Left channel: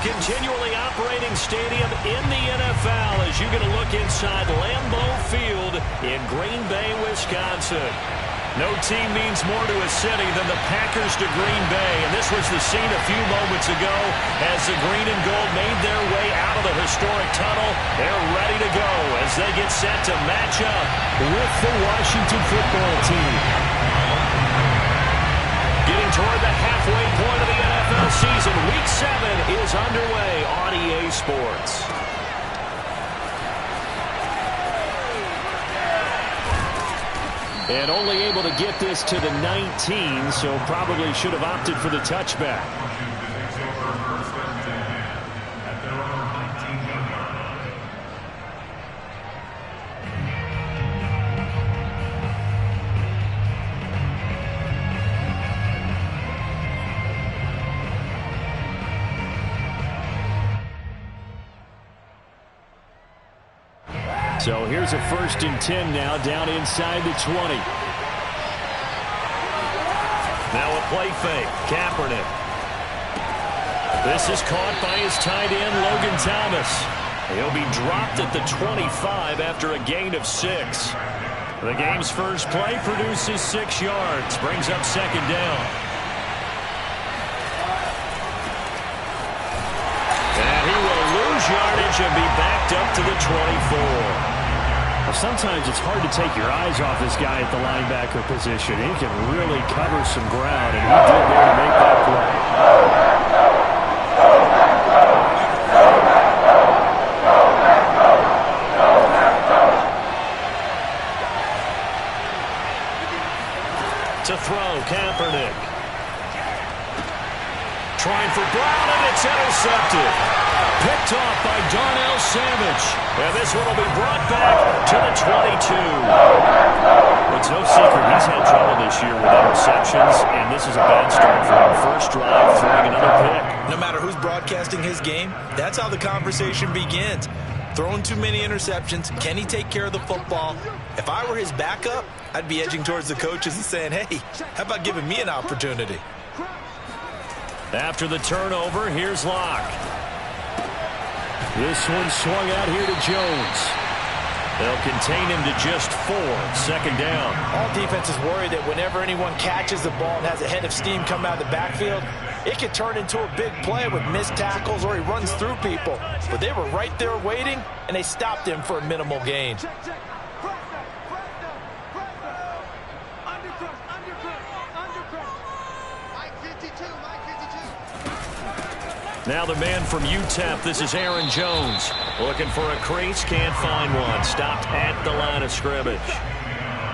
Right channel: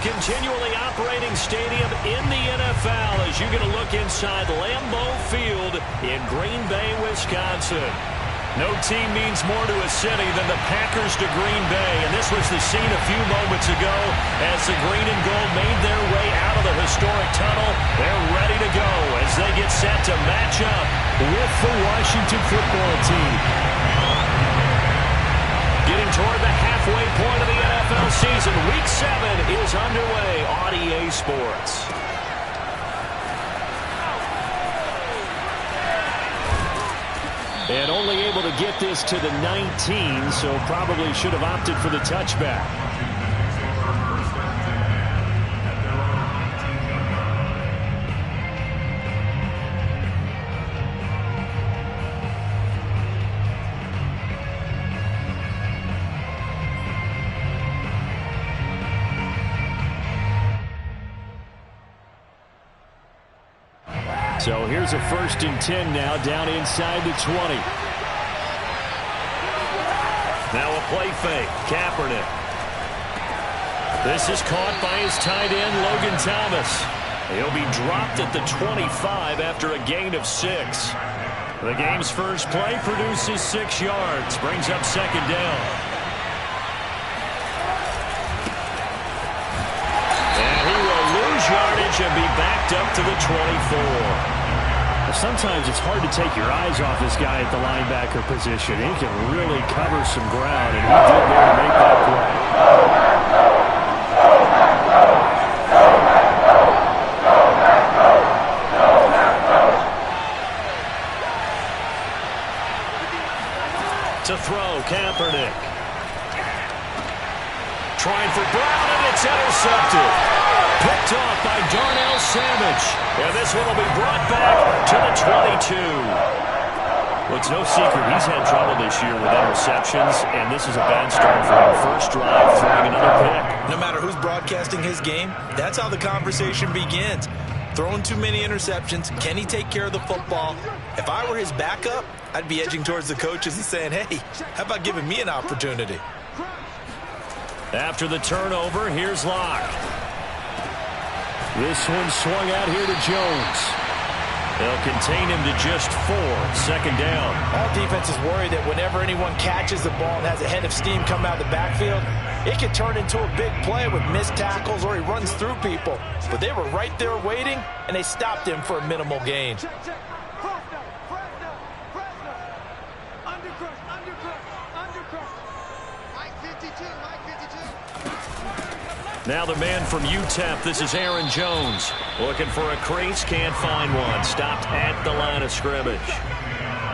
continually operating stadium in the NFL as you get a look inside Lambeau Field in Green Bay, Wisconsin. No team means more to a city than the Packers to Green Bay, and this was the scene a few moments ago as the green and gold made their way out of the historic tunnel. They're ready to go as they get set to match up with the Washington football team. Getting toward the halfway point of the NFL season, Week 7 is underway on EA Sports. And only able to get this to the 19, so probably should have opted for the touchback. So here's a 1st and 10 now down inside the 20. Now a play fake. Kaepernick. This is caught by his tight end, Logan Thomas. He'll be dropped at the 25 after a gain of 6. The game's first play produces 6 yards. Brings up 2nd down. And he will lose yardage and be backed up to the 24. Sometimes it's hard to take your eyes off this guy at the linebacker position. He can really cover some ground, and he did there to make that play. To throw, Kaepernick. Trying for Brown, and it's intercepted. Picked off by Darnell Savage. And this one will be brought back to the 22. Well, it's no secret he's had trouble this year with interceptions, and this is a bad start for him. First drive, throwing another pick. No matter who's broadcasting his game, that's how the conversation begins. Throwing too many interceptions. Can he take care of the football? If I were his backup, I'd be edging towards the coaches and saying, hey, how about giving me an opportunity? After the turnover, here's Locke. This one swung out here to Jones. They'll contain him to just 4. 2nd down. All defenses worry that whenever anyone catches the ball and has a head of steam come out of the backfield, it could turn into a big play with missed tackles or he runs through people. But they were right there waiting, and they stopped him for a minimal gain. Now the man from UTEP, this is Aaron Jones. Looking for a crease, can't find one. Stopped at the line of scrimmage.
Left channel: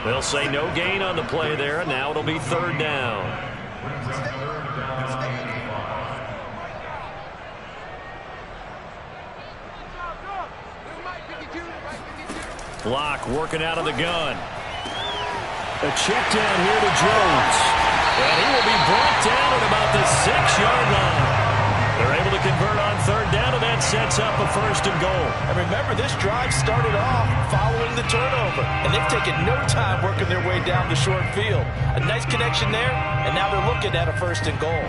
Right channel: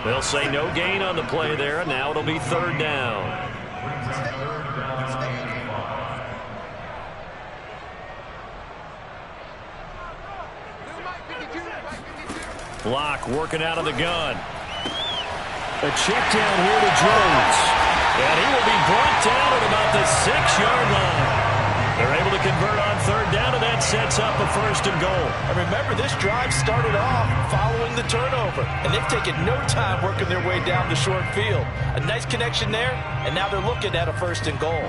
They'll say no gain on the play there, and now it'll be 3rd down. Locke working out of the gun. A check down here to Jones. And he will be brought down at about the 6-yard line. They're able to convert on 3rd down, and that sets up a 1st and goal. And remember, this drive started off following the turnover, and they've taken no time working their way down the short field. A nice connection there, and now they're looking at a 1st and goal.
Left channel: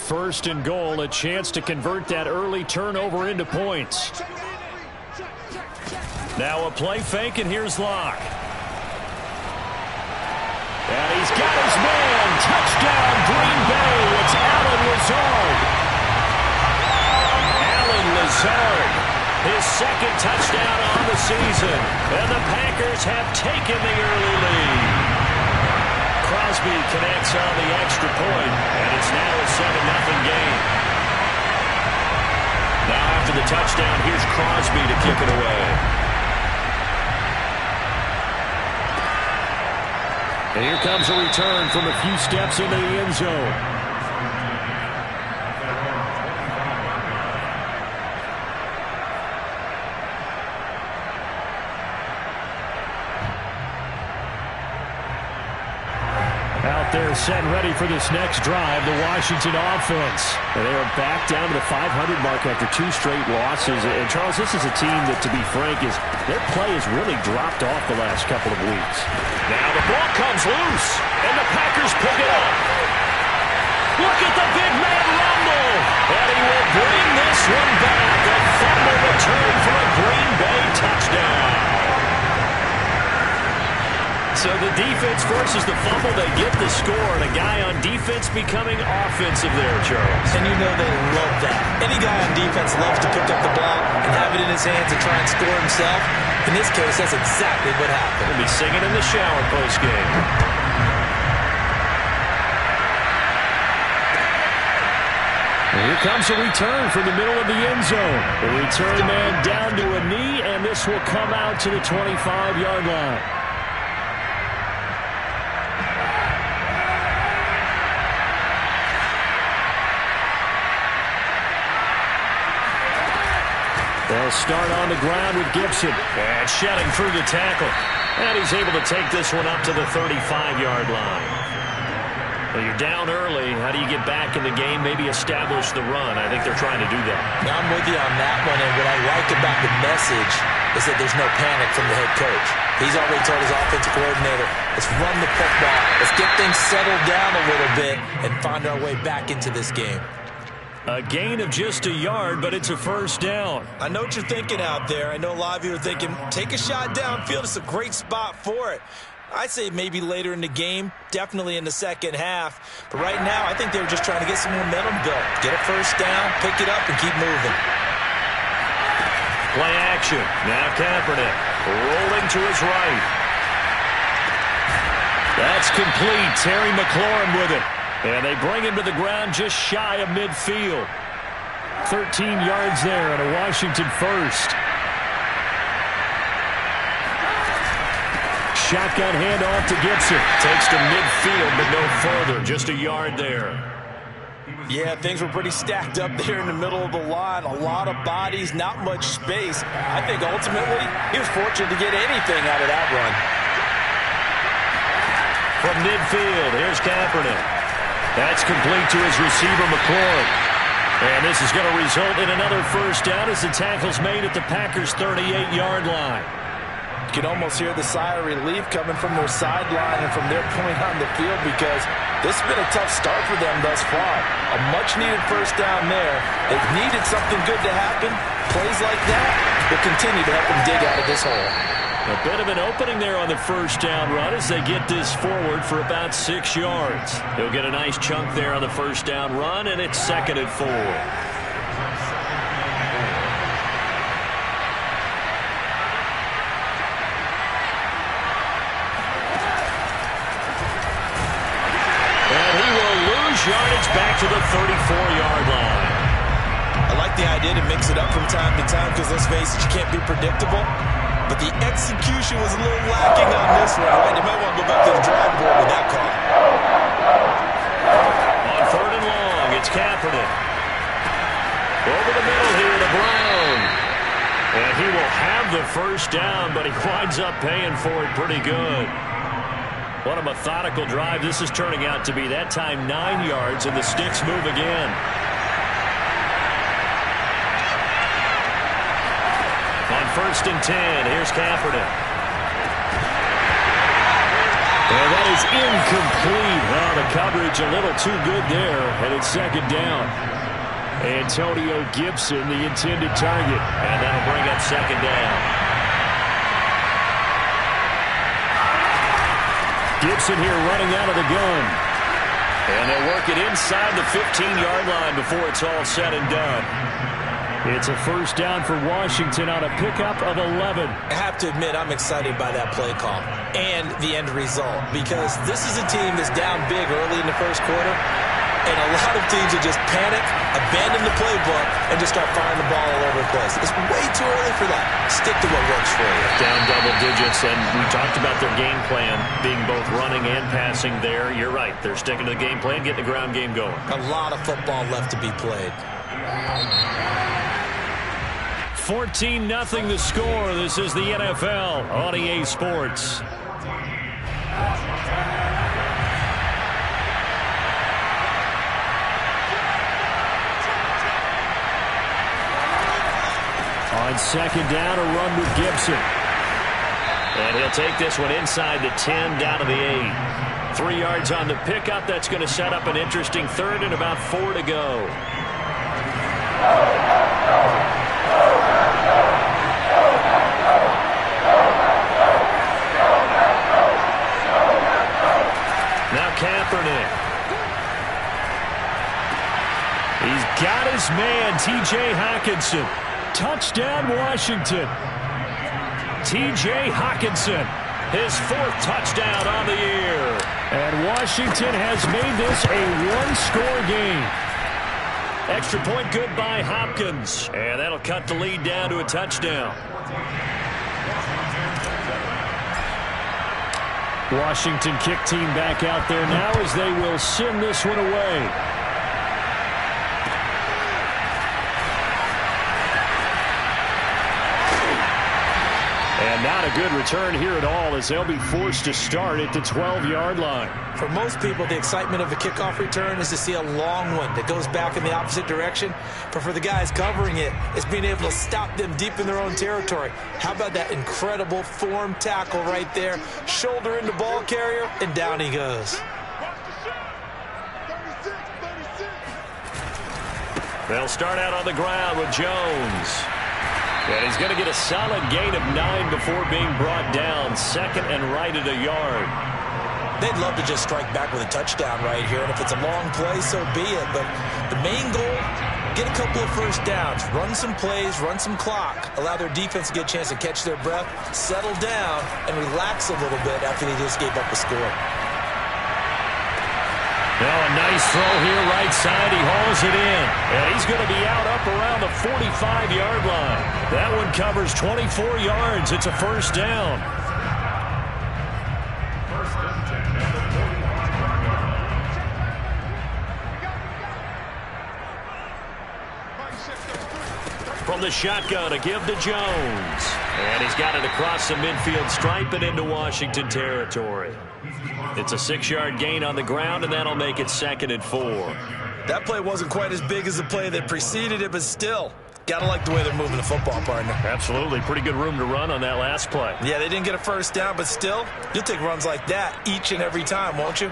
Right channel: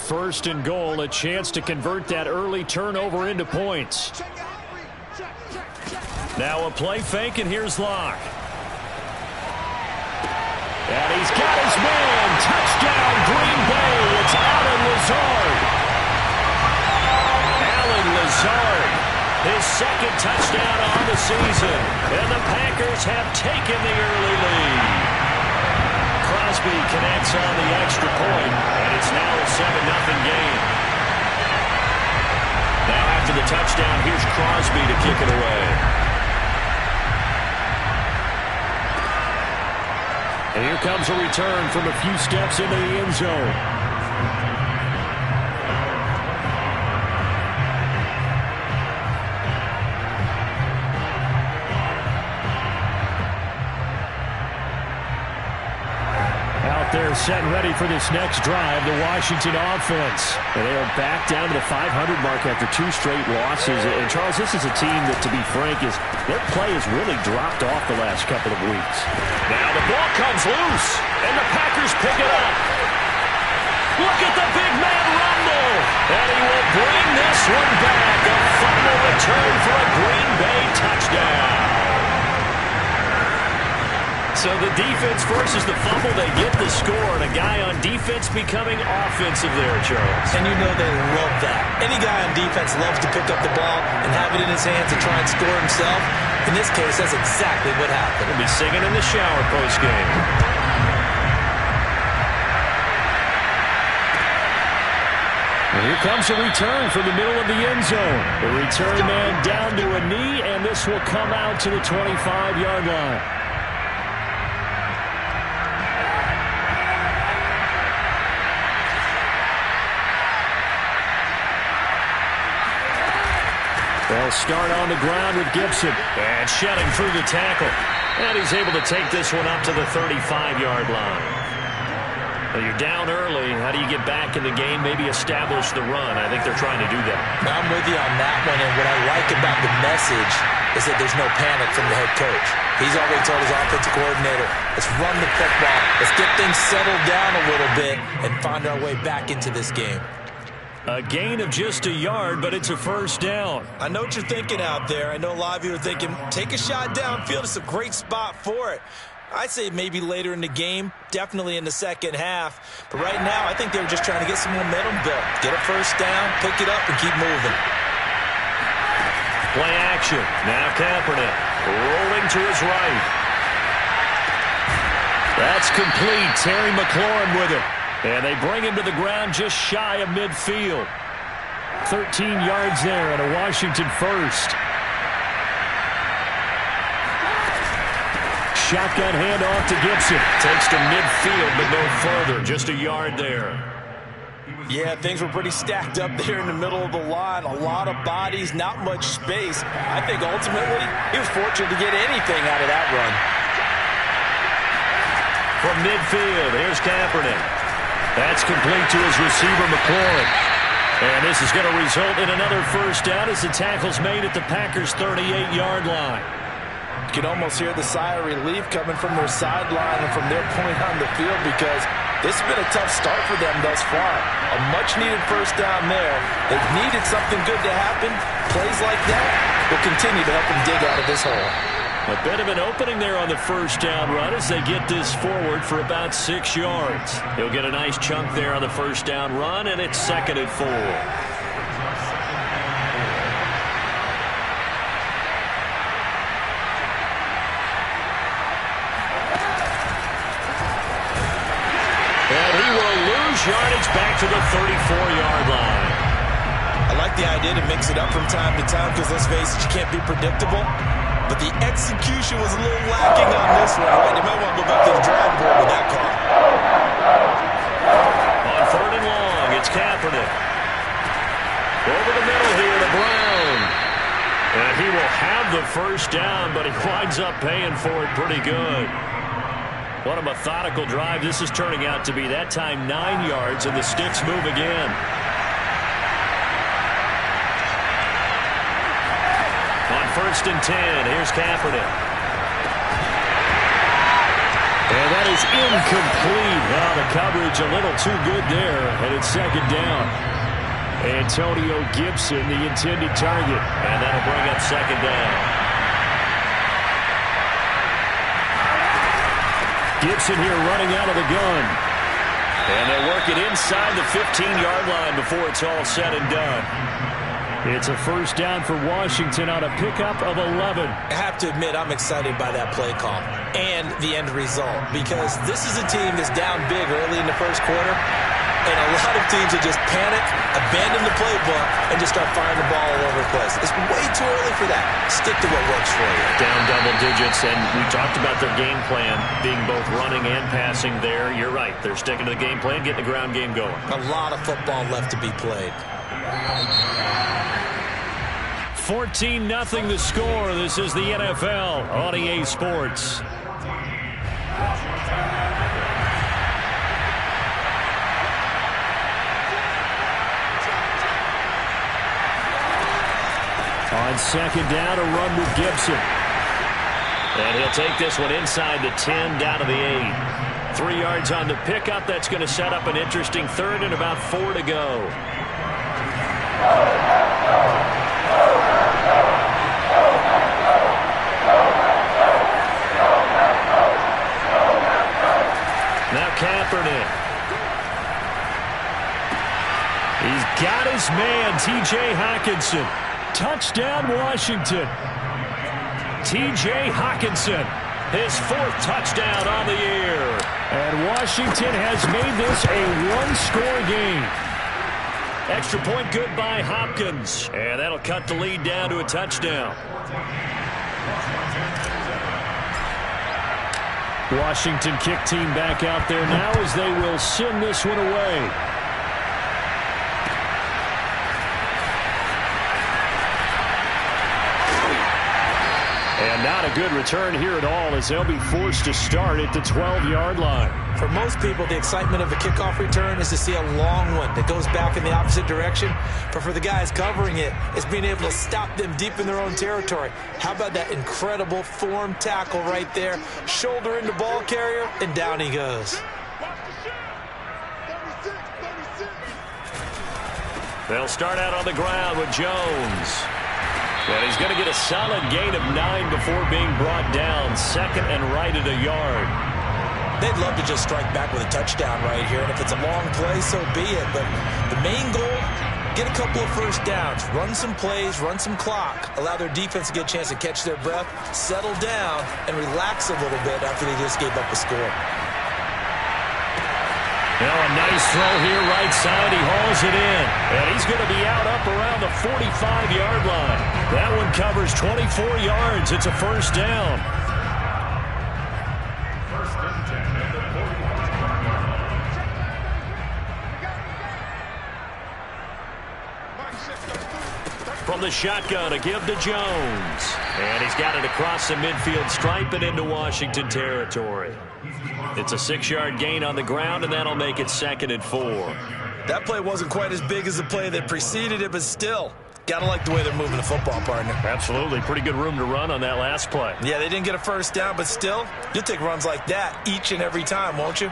First and goal, a chance to convert that early turnover into points. Now a play fake, and here's Locke. And he's got his man. Touchdown, Green Bay. It's Allen Lazard. Allen Lazard, his 2nd touchdown on the season. And the Packers have taken the early lead. Crosby connects on the extra point, and it's now a 7-0 game. Now after the touchdown, here's Crosby to kick it away. And here comes a return from a few steps into the end zone. there set and ready for this next drive, the Washington offense. And they are back down to the 500 mark after 2 straight losses. And, Charles, this is a team that, to be frank, their play has really dropped off the last couple of weeks. Now the ball comes loose, and the Packers pick it up. Look at the big man rumble, and he will bring this one back. A fumble return for a Green Bay touchdown. So the defense forces the fumble, they get the score, and a guy on defense becoming offensive there, Charles. And you know they love that. Any guy on defense loves to pick up the ball and have it in his hands and try and score himself. In this case, that's exactly what happened. He'll be singing in the shower post-game. And here comes a return from the middle of the end zone. The return man down to a knee, and this will come out to the 25-yard line. They'll start on the ground with Gibson. And shedding through the tackle. And he's able to take this one up to the 35-yard line. Well, you're down early. How do you get back in the game? Maybe establish the run. I think they're trying to do that. Now, I'm with you on that one, and what I like about the message is that there's no panic from the head coach. He's already told his offensive coordinator, let's run the football, let's get things settled down a little bit, and find our way back into this game. A gain of just a yard, but it's a first down. I know what you're thinking out there. I know a lot of you are thinking, take a shot downfield. It's a great spot for it. I'd say maybe later in the game, definitely in the second half. But right now, I think they were just trying to get some momentum built. Get a first down, pick it up, and keep moving. Play action. Now Kaepernick rolling to his right. That's complete. Terry McLaurin with it. And they bring him to the ground just shy of midfield. 13 yards there and a Washington first. Shotgun handoff to Gibson. Takes to midfield, but no further. Just a yard there. Yeah, things were pretty stacked up there in the middle of the line. A lot of bodies, not much space. I think ultimately he was fortunate to get anything out of that run. From midfield, here's Kaepernick. That's complete to his receiver, McLaurin. And this is going to result in another first down as the tackle's made at the Packers' 38-yard line. You can almost hear the sigh of relief coming from their sideline and from their point on the field because this has been a tough start for them thus far. A much-needed first down there. They've needed something good to happen. Plays like that will continue to help them dig out of this hole. A bit of an opening there on the first down run as they get this forward for about 6 yards. He'll get a nice chunk there on the first down run, and it's 2nd and 4. And he will lose yardage back to the 34-yard line. I like the idea to mix it up from time to time because, let's face it, you can't be predictable. But the execution was a little lacking on this one, right? They might want to go back to the drawing board with that call. On 3rd and long, it's Kaepernick. Over the middle here to Brown. And he will have the first down, but he winds up paying for it pretty good. What a methodical drive this is turning out to be. That time 9 yards, and the sticks move again. On 1st and 10, here's Kaepernick. And that is incomplete. Oh, the coverage a little too good there, and it's 2nd down. Antonio Gibson, the intended target, and that'll bring up 2nd down. Gibson here running out of the gun. And they'll work it inside the 15-yard line before it's all said and done. It's a first down for Washington on a pickup of 11. I have to admit, I'm excited by that play call and the end result because this is a team that's down big early in the first quarter, and a lot of teams that just panic, abandon the playbook, and just start firing the ball all over the place. It's way too early for that. Stick to what works for you. Down double digits, and we talked about their game plan being both running and passing there. You're right. They're sticking to the game plan, getting the ground game going. A lot of football left to be played. 14-0 the score. This is the NFL on EA Sports. On second down, a run with Gibson. And he'll take this one inside the 10, down to the 8. 3 yards on the pickup. That's going to set up an interesting third and about 4 to go. Now Kaepernick. He's got his man, T.J. Hockenson. Touchdown, Washington. T.J. Hockenson, his 4th touchdown on the year. And Washington has made this a one-score game. Extra point good by Hopkins. And that'll cut the lead down to a touchdown. Washington kick team back out there now as they will send this one away. And not a good return here at all as they'll be forced to start at the 12-yard line. For most people, the excitement of a kickoff return is to see a long one that goes back in the opposite direction. But for the guys covering it, it's being able to stop them deep in their own territory. How about that incredible form tackle right there? Shoulder into ball carrier, and down he goes. They'll start out on the ground with Jones. And he's going to get a solid gain of 9 before being brought down. Second and right at a yard. They'd love to just strike back with a touchdown right here. And if it's a long play, so be it. But the main goal, get a couple of first downs. Run some plays, run some clock. Allow their defense to get a chance to catch their breath, settle down, and relax a little bit after they just gave up a score. Now a nice throw here right side. He hauls it in. And he's going to be out up around the 45-yard line. That one covers 24 yards. It's a first down. First and 10 at the 45-yard line. From the shotgun, a give to Jones. And he's got it across the midfield stripe and into Washington territory. It's a 6-yard gain on the ground, and that'll make it 2nd and 4. That play wasn't quite as big as the play that preceded it, but still, gotta like the way they're moving the football, partner. Absolutely. Pretty good room to run on that last play. Yeah, they didn't get a first down, but still, you'll take runs like that each and every time, won't you?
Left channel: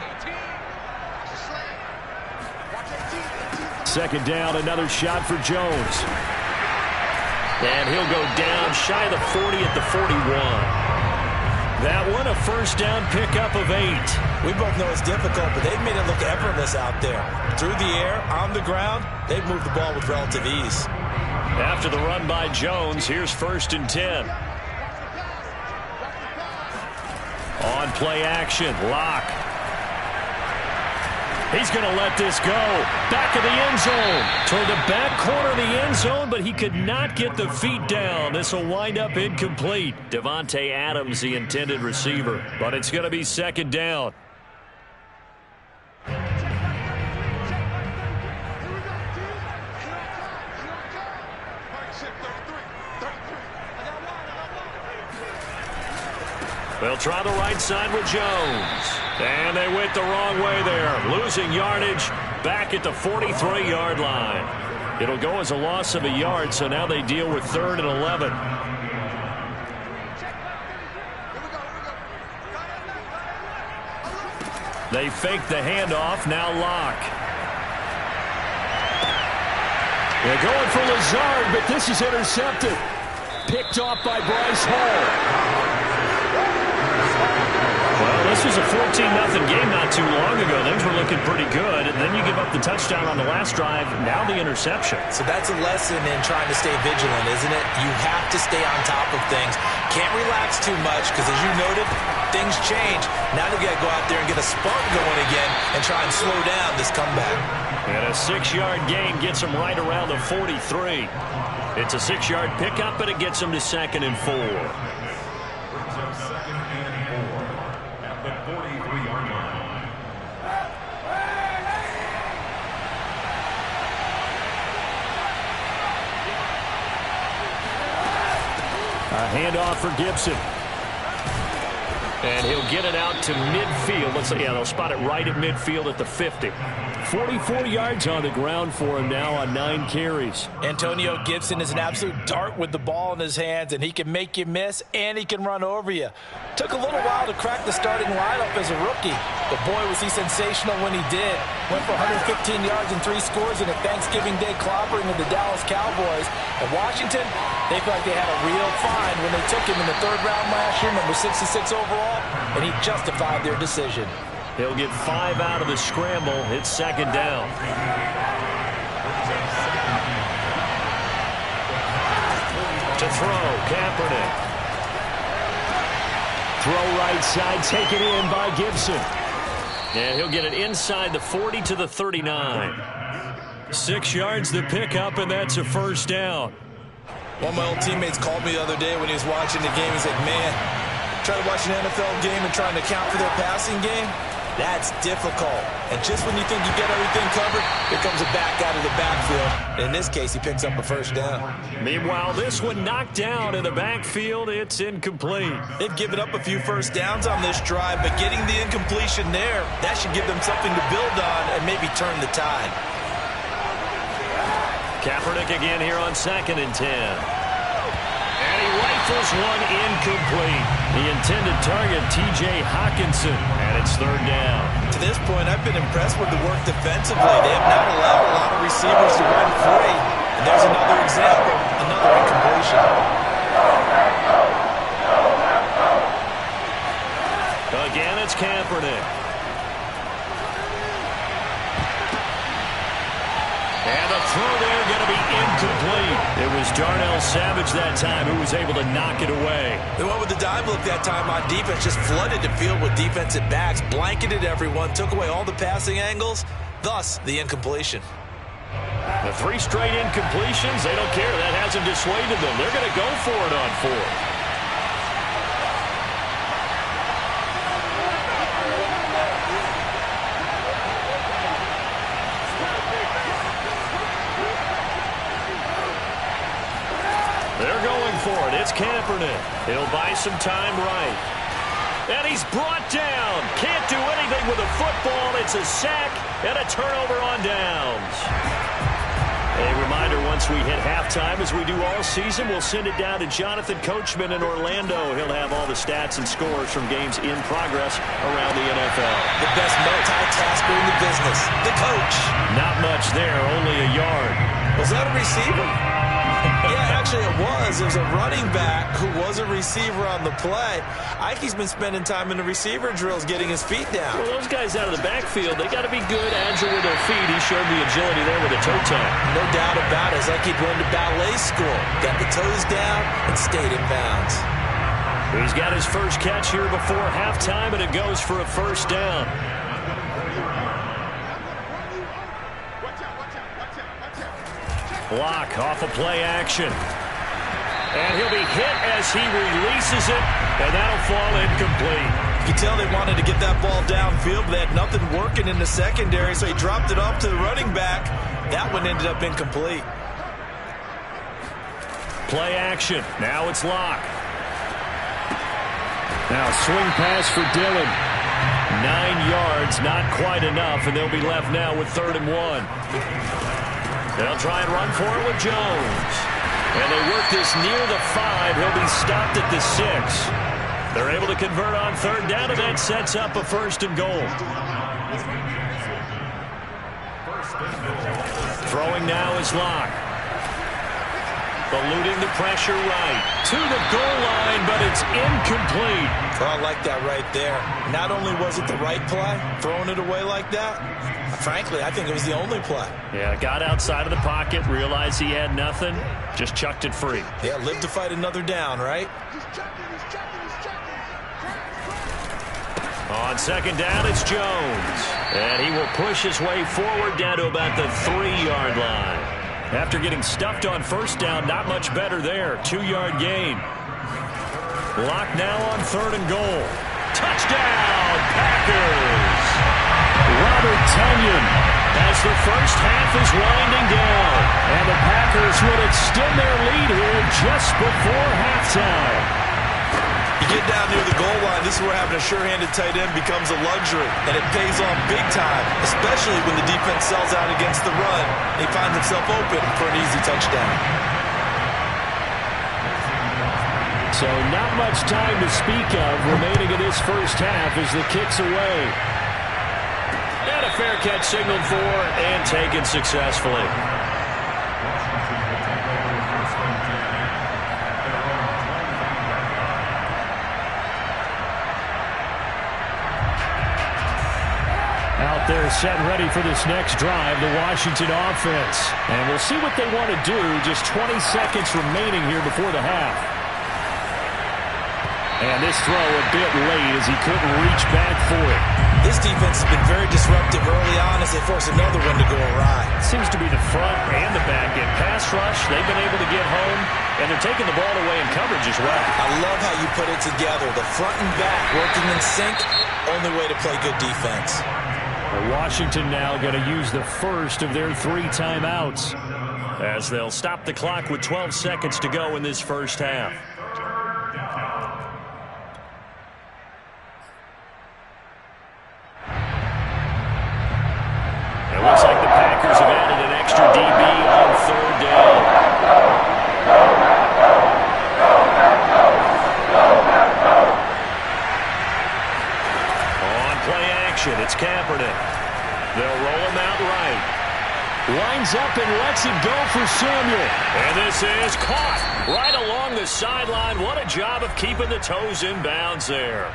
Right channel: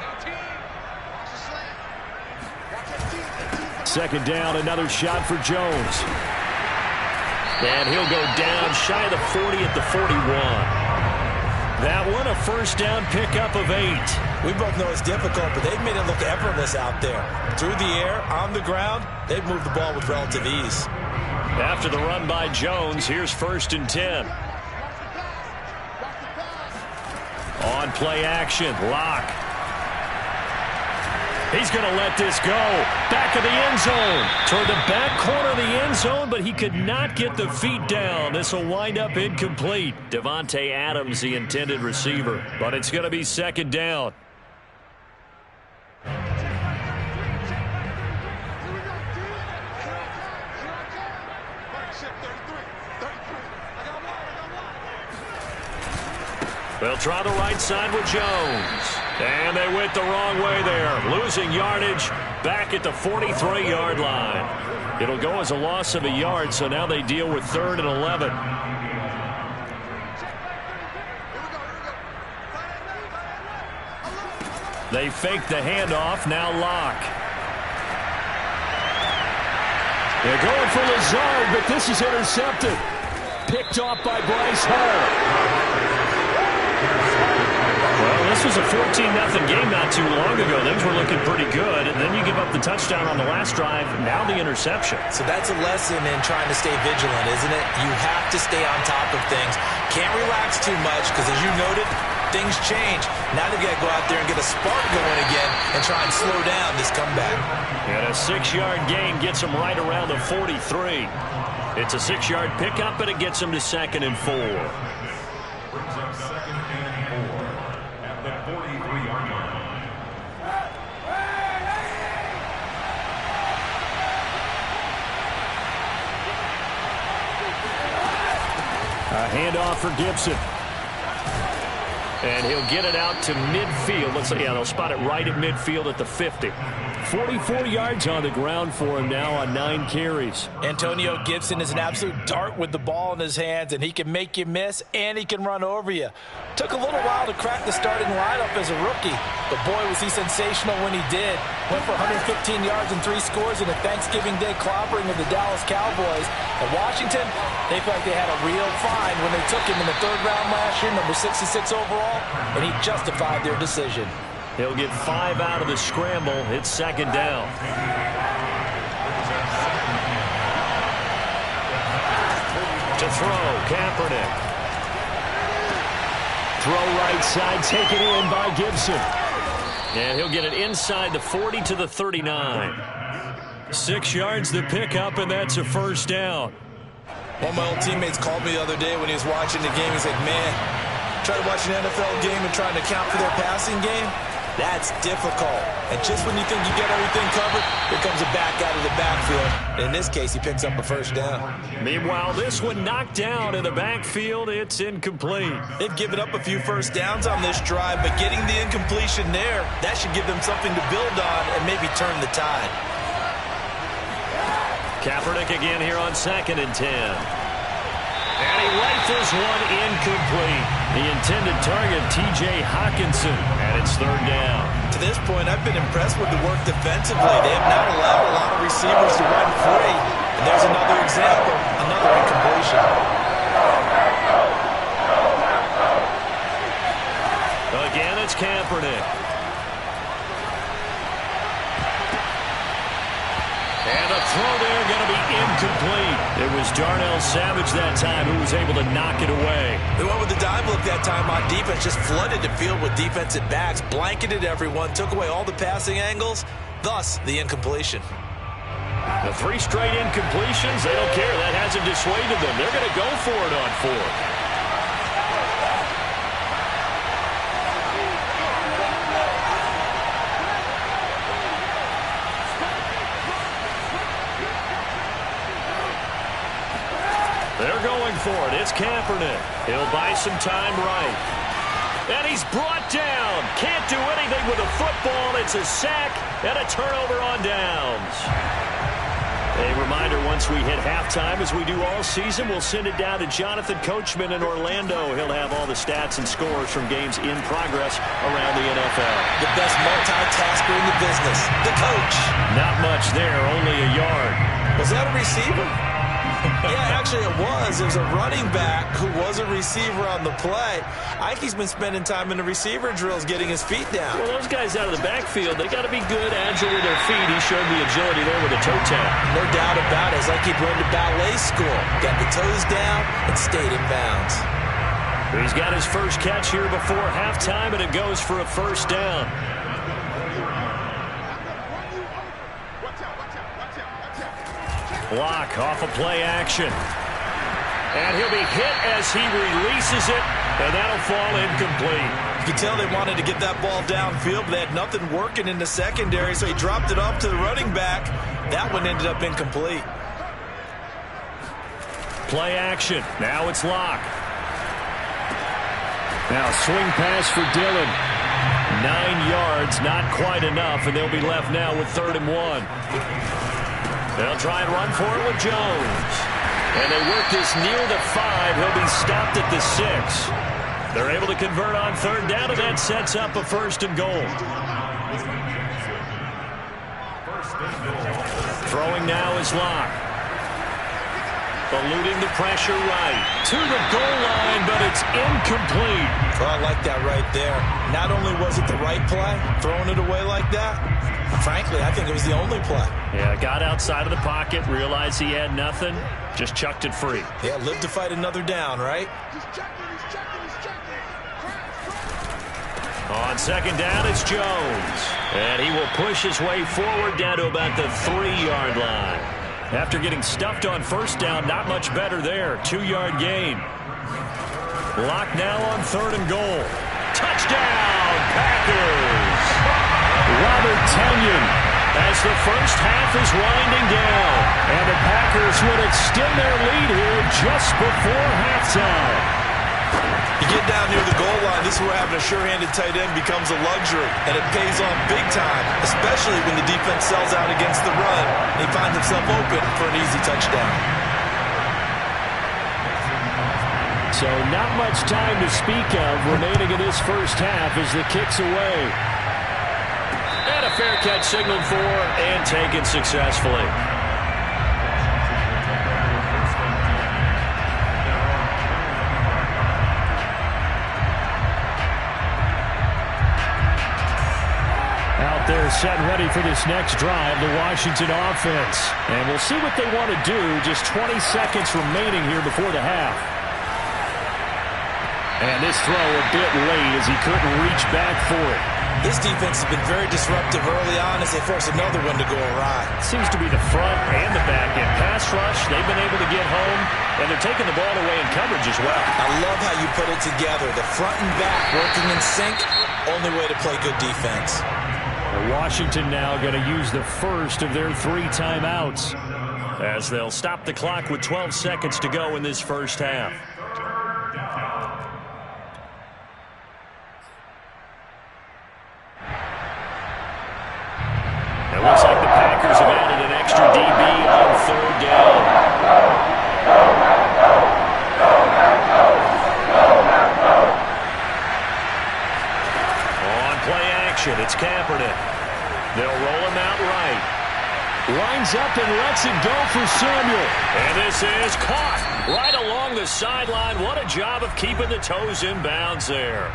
Second down, another shot for Jones. And he'll go down shy of the 40 at the 41. That one, a first down pickup of 8. We both know it's difficult, but they've made it look effortless out there. Through the air, on the ground, they've moved the ball with relative ease. After the run by Jones, here's 1st and 10. On play action, Locke. He's going to let this go. Back of the end zone. Toward the back corner of the end zone, but he could not get the feet down. This will wind up incomplete. Devontae Adams, the intended receiver. But it's going to be 2nd down. They'll try the right side with Jones. And they went the wrong way there. Losing yardage back at the 43-yard line. It'll go as a loss of a yard, so now they deal with 3rd and 11. They fake the handoff. Now Locke. They're going for Lazard, but this is intercepted. Picked off by Bryce Hall. Well, this was a 14-0 game not too long ago. Things were looking pretty good. And then you give up the touchdown on the last drive. Now the interception. So that's a lesson in trying to stay vigilant, isn't it? You have to stay on top of things. Can't relax too much because, as you noted, things change. Now they've got to go out there and get a spark going again and try and slow down this comeback. And a 6-yard gain gets them right around the 43. It's a 6-yard pickup, and it gets them to 2nd and 4. Brings up 2nd and 4 at the 43-yard line. A handoff for Gibson. And he'll get it out to midfield. Let's say, yeah, they'll spot it right at midfield at the 50. 44 yards on the ground for him now on 9 carries. Antonio Gibson is an absolute dart with the ball in his hands, and he can make you miss, and he can run over you. Took a little while to crack the starting lineup as a rookie, but boy, was he sensational when he did. Went for 115 yards and 3 scores in a Thanksgiving Day clobbering of the Dallas Cowboys. And Washington, they feel like they had a real find when they took him in the 3rd round last year, number 66 overall, and he justified their decision. He'll get 5 out of the scramble. It's 2nd down. To throw, Kaepernick. Throw right side, taken in by Gibson. And he'll get it inside the 40 to the 39. 6 yards the pickup, and that's a 1st down. One of my old teammates called me the other day when he was watching the game. He's like, man, try to watch an NFL game and trying to account for their passing game. That's difficult. And just when you think you get everything covered, here comes a back out of the backfield. In this case, he picks up a 1st down. Meanwhile, this one knocked down in the backfield. It's incomplete. They've given up a few 1st downs on this drive, but getting the incompletion there, that should give them something to build on and maybe turn the tide. Kaepernick again here on 2nd and 10. And he rifles one incomplete. The intended target, T.J. Hawkinson, and it's 3rd down. To this point, I've been impressed with the work defensively. They have not allowed a lot of receivers to run free. And there's another example, another incompletion. Again, it's Kaepernick. And the throw there going to be incomplete. It was Darnell Savage that time who was able to knock it away. They went with the dive look that time on defense, just flooded the field with defensive backs, blanketed everyone, took away all the passing angles, thus the incompletion. The 3 straight incompletions, they don't care. That hasn't dissuaded them. They're going to go for it on 4th. They're going for it. It's Kaepernick. He'll buy some time right. And he's brought down. Can't do anything with a football. It's a sack and a turnover on downs. A reminder, once we hit halftime, as we do all season, we'll send it down to Jonathan Coachman in Orlando. He'll have all the stats and scores from games in progress around the NFL. The best multitasker in the business, the coach. Not much there, only a yard. Was that a receiver? Yeah, actually it was. It was a running back who was a receiver on the play. Ike's been spending time in the receiver drills getting his feet down. Well, those guys out of the backfield, they got to be good, agile with their feet. He showed the agility there with a toe tap. No doubt about it. It's like he'd run to ballet school. Got the toes down and stayed in bounds. He's got his first catch here before halftime, and it goes for a 1st down. Block off a play action. And he'll be hit as he releases it, and that'll fall incomplete. You can tell they wanted to get that ball downfield, but they had nothing working in the secondary, so he dropped it off to the running back. That one ended up incomplete. Play action. Now it's Locke. Now swing pass for Dillon. 9 yards, not quite enough, and they'll be left now with 3rd and 1. They'll try and run for it with Jones. And they work this near the 5. He'll be stopped at the 6. They're able to convert on 3rd down, and that sets up a 1st and goal. Throwing now is Locke. Eluding the pressure right. To the goal line, but it's incomplete. Well, I like that right there. Not only was it the right play, throwing it away like that, frankly, I think it was the only play. Yeah, got outside of the pocket, realized he had nothing, just chucked it free. Yeah, live to fight another down, right? On 2nd down, it's Jones. And he will push his way forward down to about the 3-yard line. After getting stuffed on 1st down, not much better there. 2-yard gain. Locke now on 3rd and goal. Touchdown, Packers! Robert Tonyan, as the first half is winding down. And the Packers would extend their lead here just before halftime. You get down near the goal line, this is where having a sure-handed tight end becomes a luxury, and it pays off big time, especially when the defense sells out against the run, and he finds himself open for an easy touchdown. So not much time to speak of remaining in this first half as the kick's away. And a fair catch signaled for and taken successfully. Out there set and ready for this next drive, the Washington offense. And we'll see what they want to do. Just 20 seconds remaining here before the half. And this throw a bit late as he couldn't reach back for it. This defense has been very disruptive early on as they force another one to go awry. Seems to be the front and the back end. Pass rush, they've been able to get home, and they're taking the ball away in coverage as well. I love how you put it together. The front and back working in sync, only way to play good defense. Washington now going to use the first of their 3 timeouts, as they'll stop the clock with 12 seconds to go in this first half. It looks like the Packers have added an extra DB on 3rd down. On play action, it's Kaepernick. They'll roll him out right. Lines up and lets it go for Samuel. And this is caught right along the sideline. What a job of keeping the toes in bounds there.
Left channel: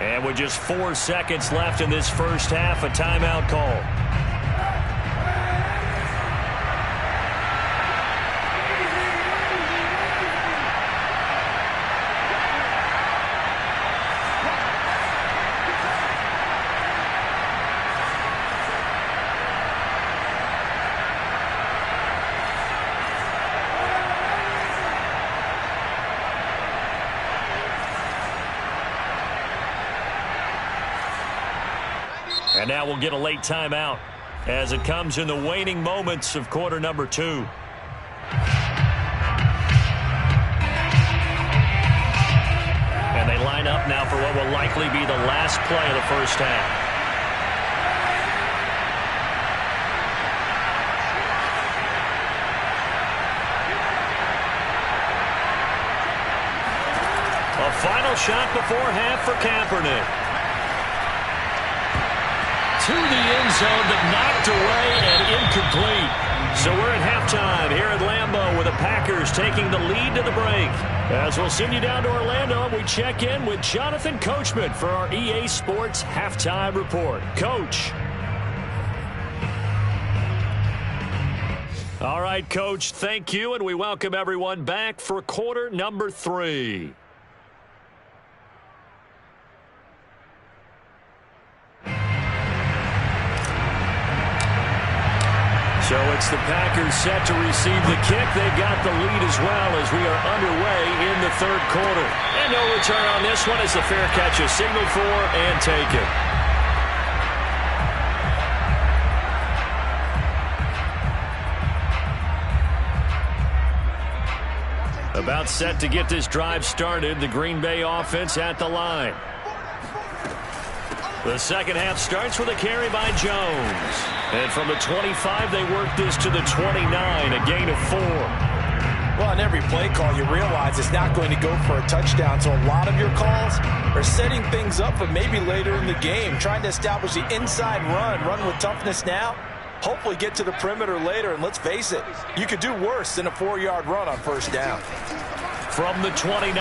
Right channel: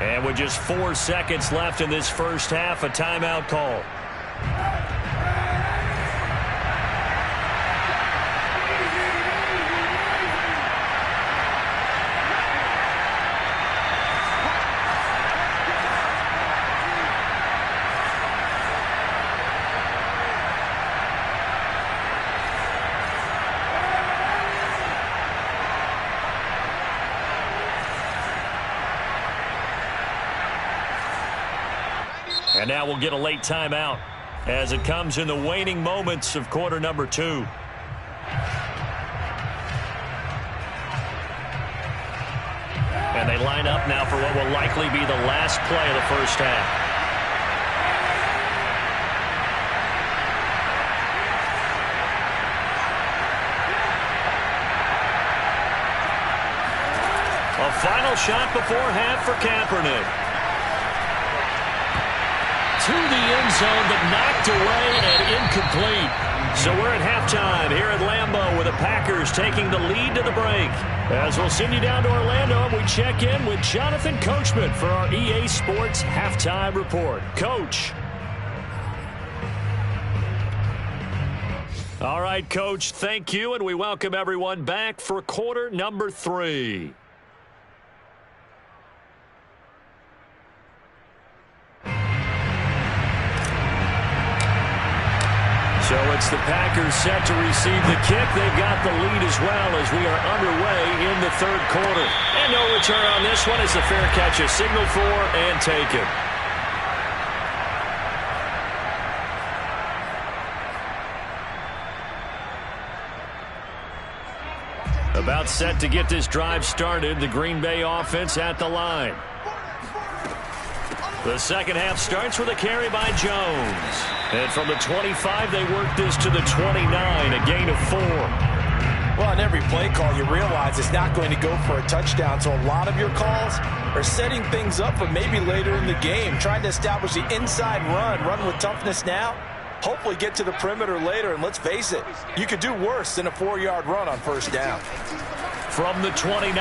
And with just 4 seconds left in this first half, a timeout call. And now we'll get a late timeout as it comes in the waning moments of quarter number 2. And they line up now for what will likely be the last play of the first half. A final shot before half for Kaepernick. To the end zone, but knocked away and incomplete. So we're at halftime here at Lambeau with the Packers taking the lead to the break. As we'll send you down to Orlando, and we check in with Jonathan Coachman for our EA Sports Halftime Report. Coach. All right, Coach, thank you, and we welcome everyone back for quarter number 3. So it's the Packers set to receive the kick. They've got the lead as well as we are underway in the 3rd quarter. And no return on this one as the fair catch is signaled for and taken. About set to get this drive started. The Green Bay offense at the line. The second half starts with a carry by Jones. And from the 25, they work this to the 29, a gain of 4. Well, on every play call, you realize it's not going to go for a touchdown. So a lot of your calls are setting things up for maybe later in the game, trying to establish the inside run with toughness now, hopefully get to the perimeter later. And let's face it, you could do worse than a 4-yard run on first down. From the 29,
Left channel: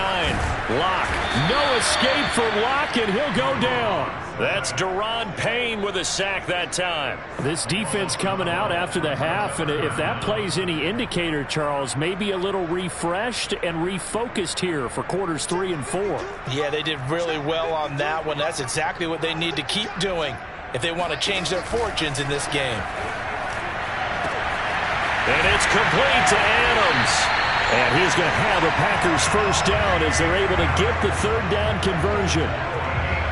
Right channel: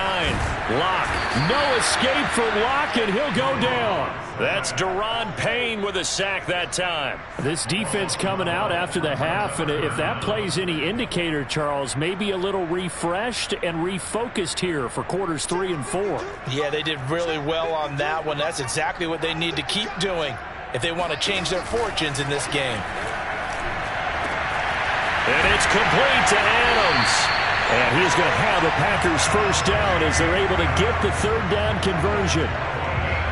Locke. No escape for Locke, and he'll go down. That's Deron Payne with a sack that time. This defense coming out after the half, and if that plays any indicator, Charles, maybe a little refreshed and refocused here for quarters 3 and 4. Yeah, they did really well on that one. That's exactly what they need to keep doing if they want to change their fortunes in this game. And it's complete to Adams. And he's going to have the Packers first down as they're able to get the 3rd down conversion.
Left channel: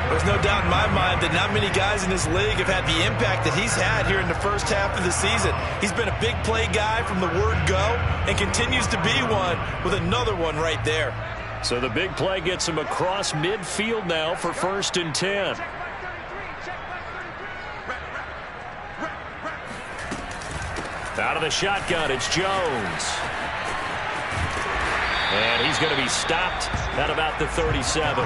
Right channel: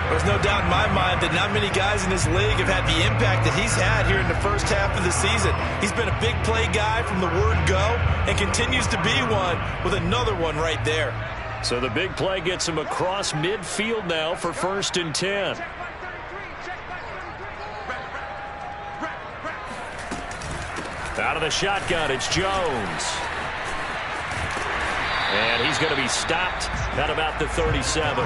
There's no doubt in my mind that not many guys in this league have had the impact that he's had here in the first half of the season. He's been a big play guy from the word go and continues to be one with another one right there. So the big play gets him across midfield now for 1st and 10. Out of the shotgun, it's Jones. And he's going to be stopped at about the 37.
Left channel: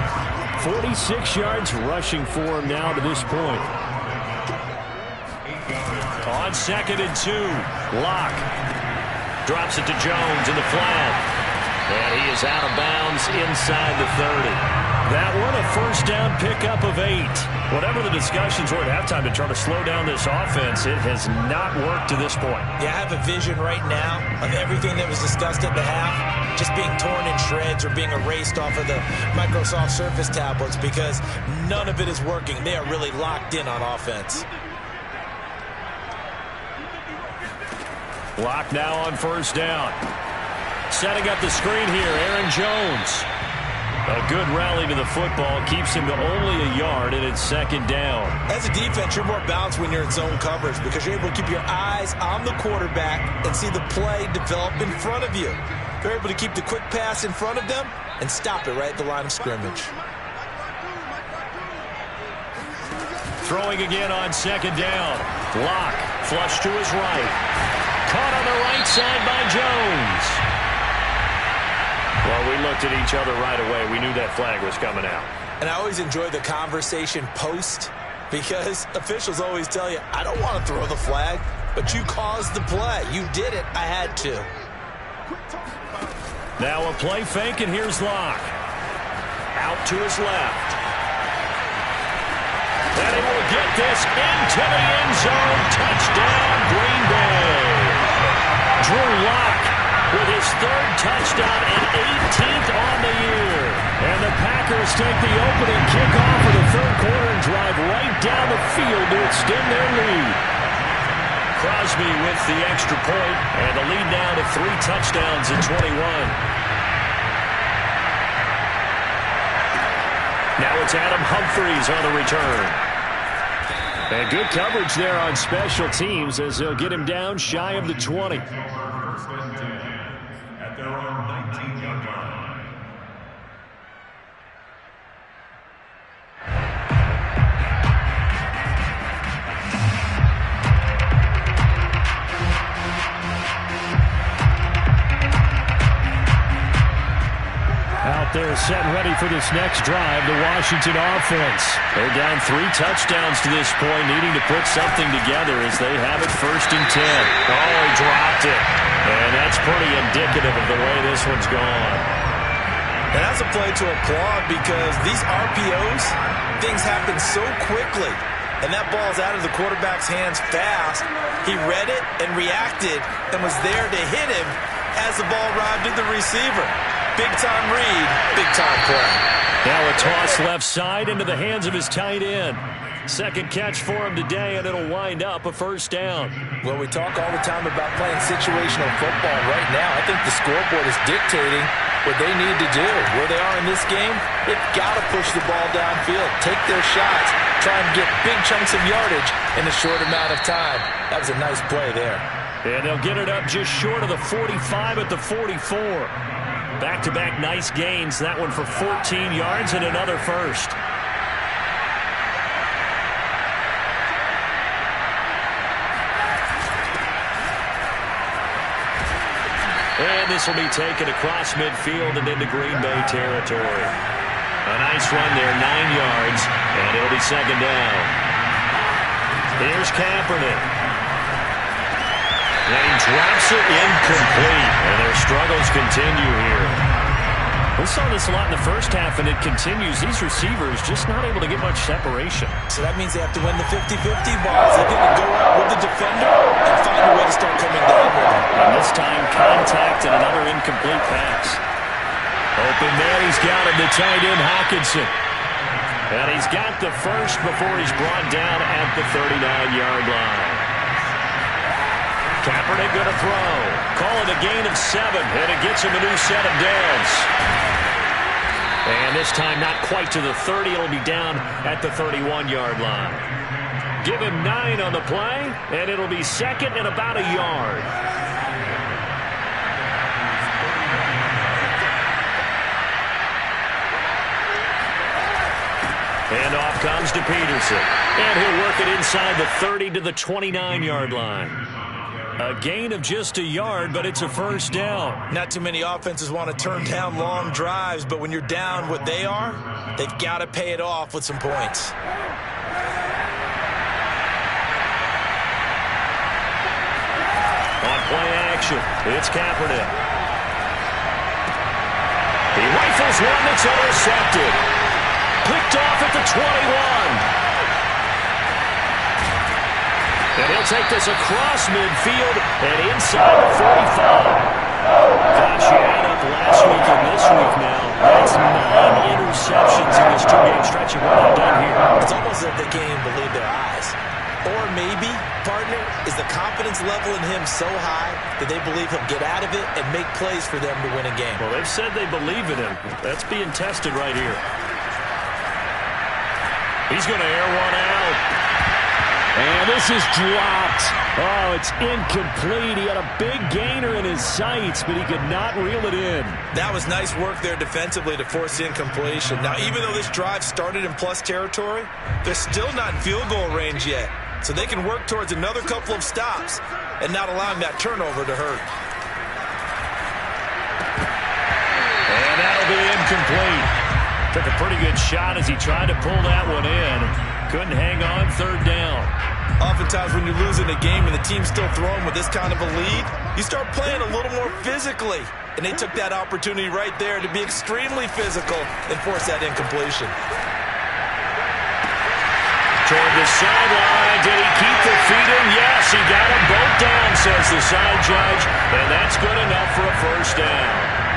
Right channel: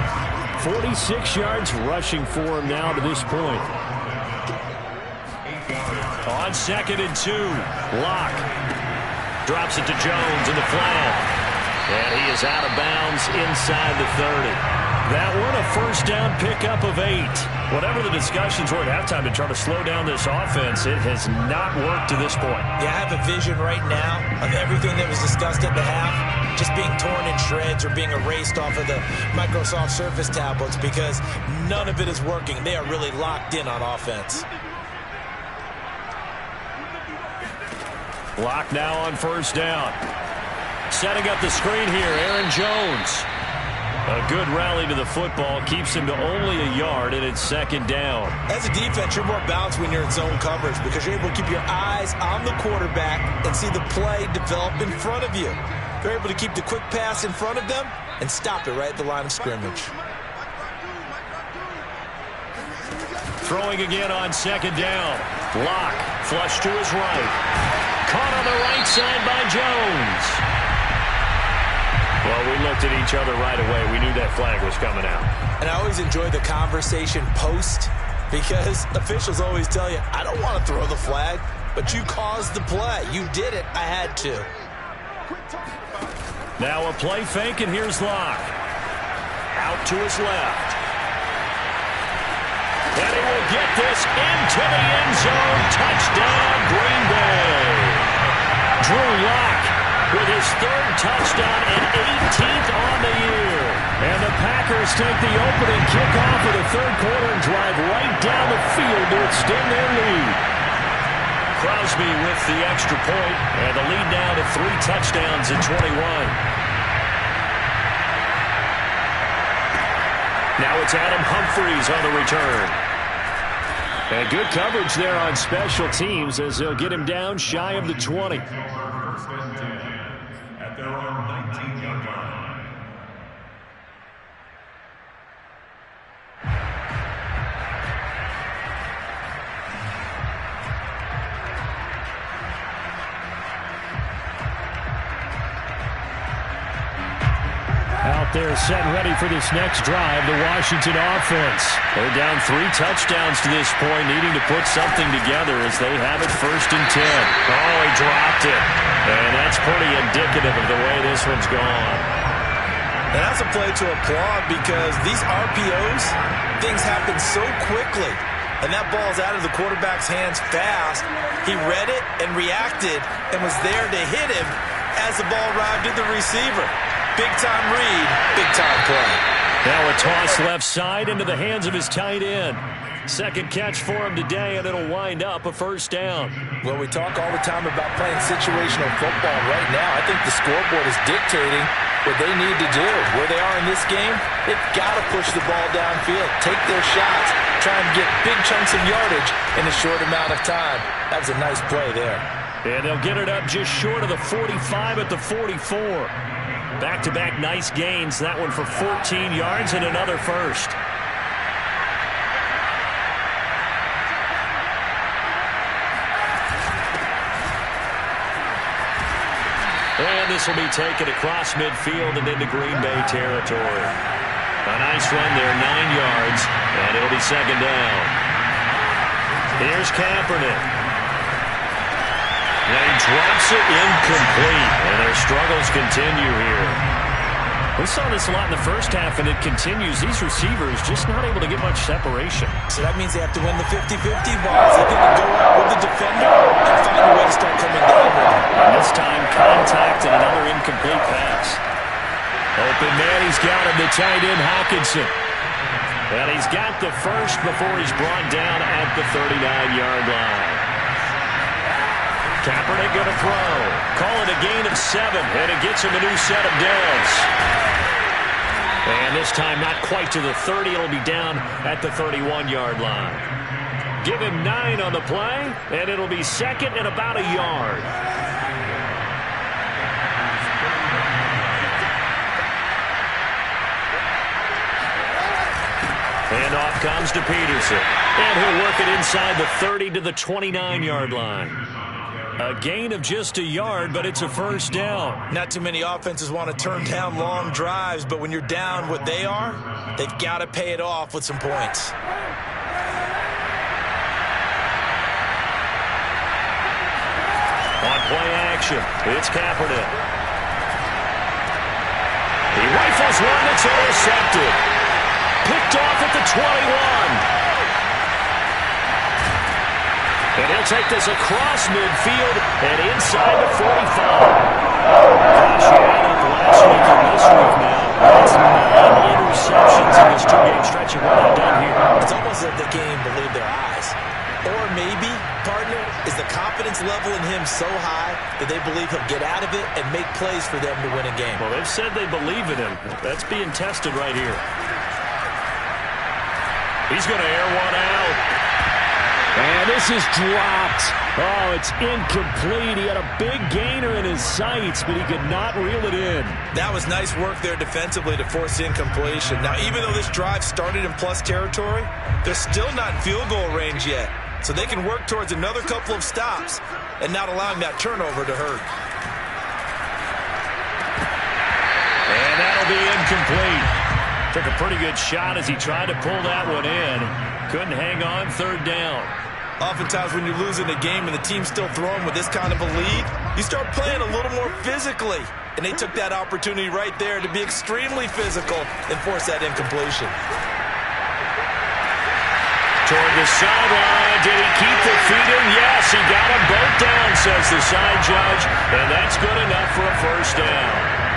46 yards rushing for him now to this point. On 2nd and 2, Locke drops it to Jones in the flat. And he is out of bounds inside the 30. That one a 1st down pickup of 8. Whatever the discussions were at halftime to try to slow down this offense, it has not worked to this point. Yeah, I have a vision right now of everything that was discussed at the half just being torn in shreds or being erased off of the Microsoft Surface tablets because none of it is working. They are really locked in on offense. Locke now on 1st down. Setting up the screen here, Aaron Jones. A good rally to the football keeps him to only a yard, and it's 2nd down. As a defense, you're more balanced when you're in zone coverage because you're able to keep your eyes on the quarterback and see the play develop in front of you. You're able to keep the quick pass in front of them and stop it right at the line of scrimmage. Throwing again on 2nd down. Locke, flush to his right. Caught on the right side by Jones. Well, we looked at each other right away. We knew that flag was coming out. And I always enjoy the conversation post because officials always tell you, I don't want to throw the flag, but you caused the play. You did it. I had to. Now a play fake, and here's Locke. Out to his left. And he will get this into the end zone. Touchdown, Green Bay. Drew Locke with his 3rd touchdown and 18th on the year. And the Packers take the opening kickoff of the 3rd quarter and drive right down the field to extend their lead. Crosby with the extra point, and the lead now to 3 touchdowns at 21. Now it's Adam Humphries on the return. And good coverage there on special teams as they'll get him down shy of the 20. 1st and 10 at their own 19-yard line. Out there set and ready for this next drive, the Washington offense. They're down 3 touchdowns to this point, needing to put something together as they have it 1st and 10. Oh, he dropped it. And that's pretty indicative of the way this one's gone. And that's a play to applaud because these RPOs, things happen so quickly. And that ball's out of the quarterback's hands fast. He read it and reacted and was there to hit him as the ball arrived at the receiver. Big-time read, big-time play. Now a toss left side into the hands of his tight end. 2nd catch for him today, and it'll wind up a 1st down. Well, we talk all the time about playing situational football. Right now, I think the scoreboard is dictating what they need to do. Where they are in this game, they've got to push the ball downfield, take their shots, try and get big chunks of yardage in a short amount of time. That was a nice play there. And they'll get it up just short of the 45 at the 44. Back-to-back nice gains. That one for 14 yards and another 1st. And this will be taken across midfield and into Green Bay territory. A nice run there, 9 yards, and it'll be 2nd down. Here's Kaepernick. And he drops it incomplete, and their struggles continue here. We saw this a lot in the first half, and it continues. These receivers just not able to get much separation. So that means they have to win the 50-50 balls. They're going to go up with the defender and find a way to start coming down with him. And this time, contact and another incomplete pass. Open man, he's got him, the tight end, Hockenson. And he's got the 1st before he's brought down at the 39-yard line. Kaepernick going to throw. Call it a gain of 7, and it gets him a new set of downs. And this time not quite to the 30. It'll be down at the 31-yard line. Give him 9 on the play, and it'll be 2nd and about a yard. And off comes to Peterson. And he'll work it inside the 30 to the 29-yard line. A gain of just a yard, but it's a first down. Not too many offenses want to turn down long drives, but when you're down what they are, they've got to pay it off with some points. On play action, it's Kaepernick. He rifles one that's intercepted. Picked off at the 21. And he'll take this across midfield and inside the 45. Gosh, you add up last week and this week now. That's 9 interceptions in this two-game stretch of what they've done here. It's almost as if the game believed their eyes. Or maybe, partner, is the confidence level in him so high that they believe he'll get out of it and make plays for them to win a game. Well, they've said they believe in him. That's being tested right here. He's going to air one out. And this is dropped. Oh, it's incomplete. He had a big gainer in his sights, but he could not reel it in. That was nice work there defensively to force the incompletion. Now, even though this drive started in plus territory, they're still not in field goal range yet. So they can work towards another couple of stops and not allowing that turnover to hurt. And that'll be incomplete. Took a pretty good shot as he tried to pull that one in. Couldn't hang on, third down. Oftentimes when you're losing a game and the team's still throwing with this kind of a lead, you start playing a little more physically. And they took that opportunity right there to be extremely physical and force that incompletion. Toward the sideline. Did he keep the feet in? Yes, he got them both down, says the side judge. And that's good enough for a first down.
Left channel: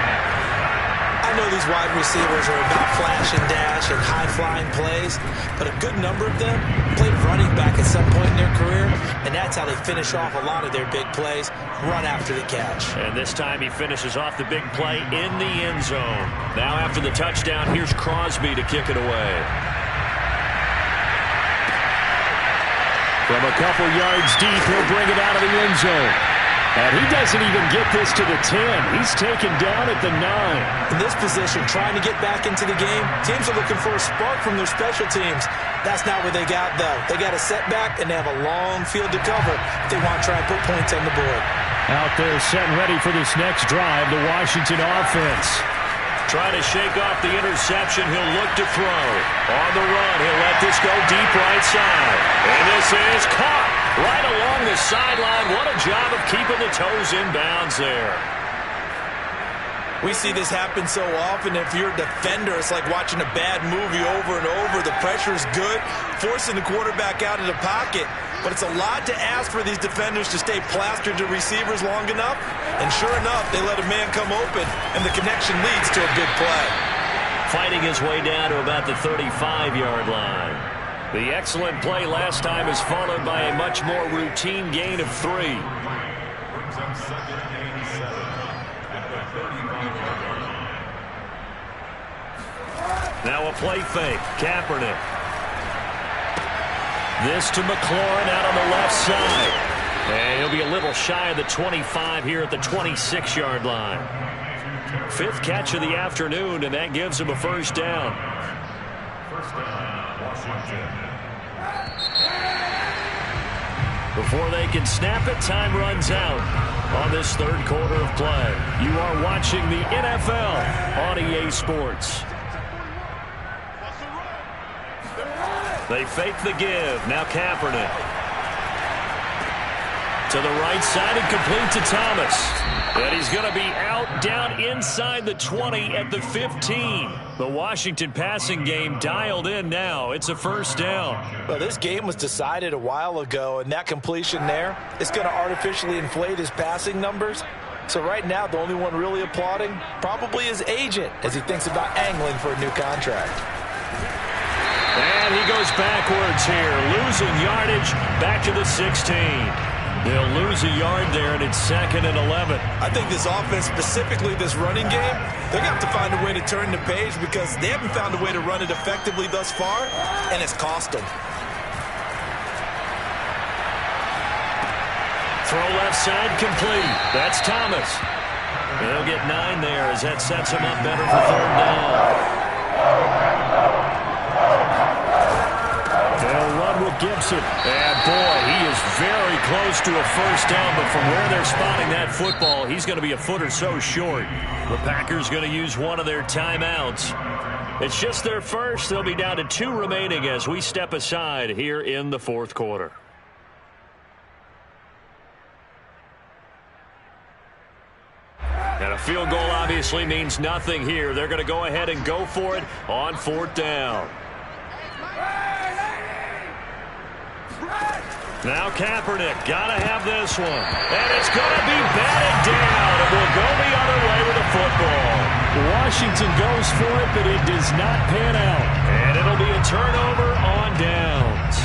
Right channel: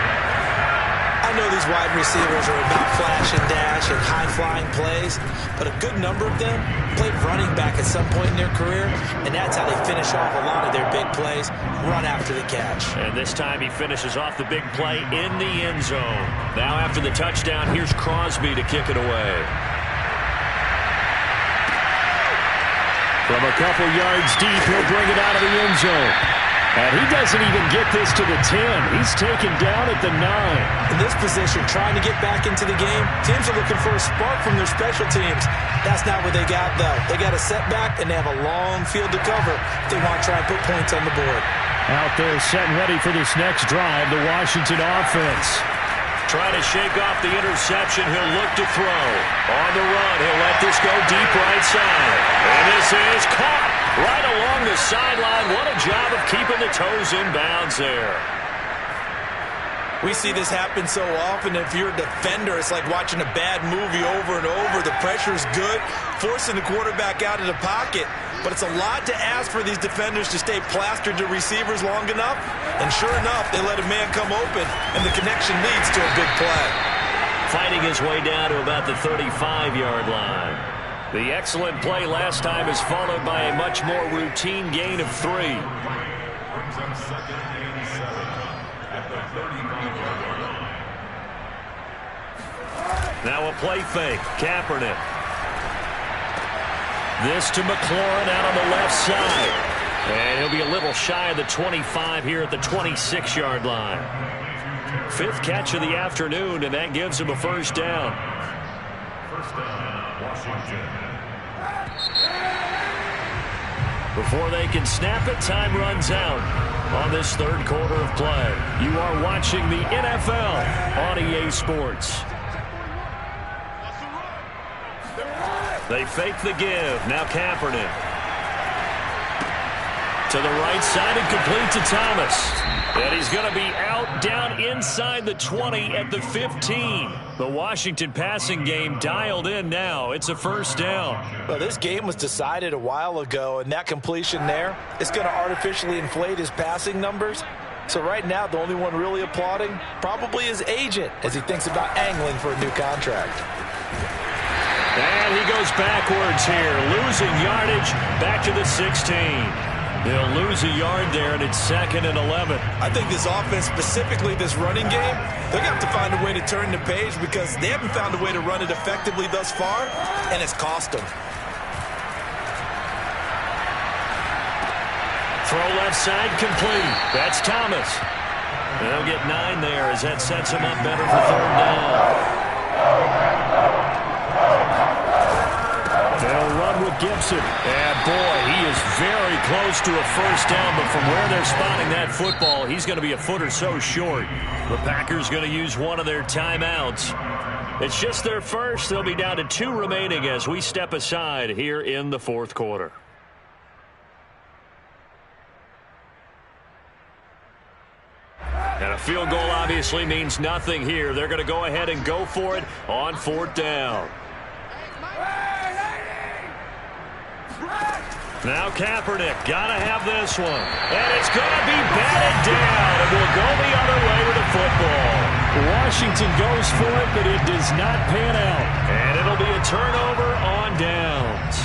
I know these wide receivers are about flash and dash and high-flying plays, but a good number of them played running back at some point in their career, and that's how they finish off a lot of their big plays, run after the catch. And this time he finishes off the big play in the end zone. Now after the touchdown, here's Crosby to kick it away. From a couple yards deep, he'll bring it out of the end zone. And he doesn't even get this to the 10. He's taken down at the 9. In this position, trying to get back into the game, teams are looking for a spark from their special teams. That's not what they got, though. They got a setback, and they have a long field to cover if they want to try and put points on the board. Out there set and ready for this next drive, the Washington offense. Trying to shake off the interception. He'll look to throw. On the run, he'll let this go deep right side. And this is caught right along the sideline. What a job of keeping the toes in bounds there. We see this happen so often. If you're a defender, it's like watching a bad movie over and over. The pressure's good, forcing the quarterback out of the pocket. But it's a lot to ask for these defenders to stay plastered to receivers long enough. And sure enough, they let a man come open, and the connection leads to a big play. Fighting his way down to about the 35-yard line. The excellent play last time is followed by a much more routine gain of 3. Brings up second and 7 at the 35-yard line. Now a play fake. Kaepernick. This to McLaurin out on the left side. And he'll be a little shy of the 25 here at the 26-yard line. 5th catch of the afternoon, and that gives him a first down. First down, Washington. Before they can snap it, time runs out on this third quarter of play. You are watching the NFL on EA Sports. They fake the give. Now Kaepernick. To the right side and complete to Thomas. And he's going to be out down inside the 20 at the 15. The Washington passing game dialed in now. It's a first down. Well, this game was decided a while ago, and that completion there is going to artificially inflate his passing numbers. So right now, the only one really applauding probably his agent as he thinks about angling for a new contract. And he goes backwards here, losing yardage back to the 16. They'll lose a yard there, and it's 2nd and 11. I think this offense, specifically this running game, they're going to have to find a way to turn the page because they haven't found a way to run it effectively thus far, and it's cost them. Throw left side complete. That's Thomas. They'll get 9 there as that sets him up better for third down. with Gibson. And boy, he is very close to a first down, but from where they're spotting that football, he's going to be a foot or so short. The Packers going to use one of their timeouts. It's just their first. They'll be down to 2 remaining as we step aside here in the fourth quarter. And a field goal obviously means nothing here. They're going to go ahead and go for it on 4th down. Now Kaepernick, got to have this one. And it's going to be batted down, and we'll go the other way with the football. Washington goes for it, but it does not pan out. And it'll be a turnover on downs.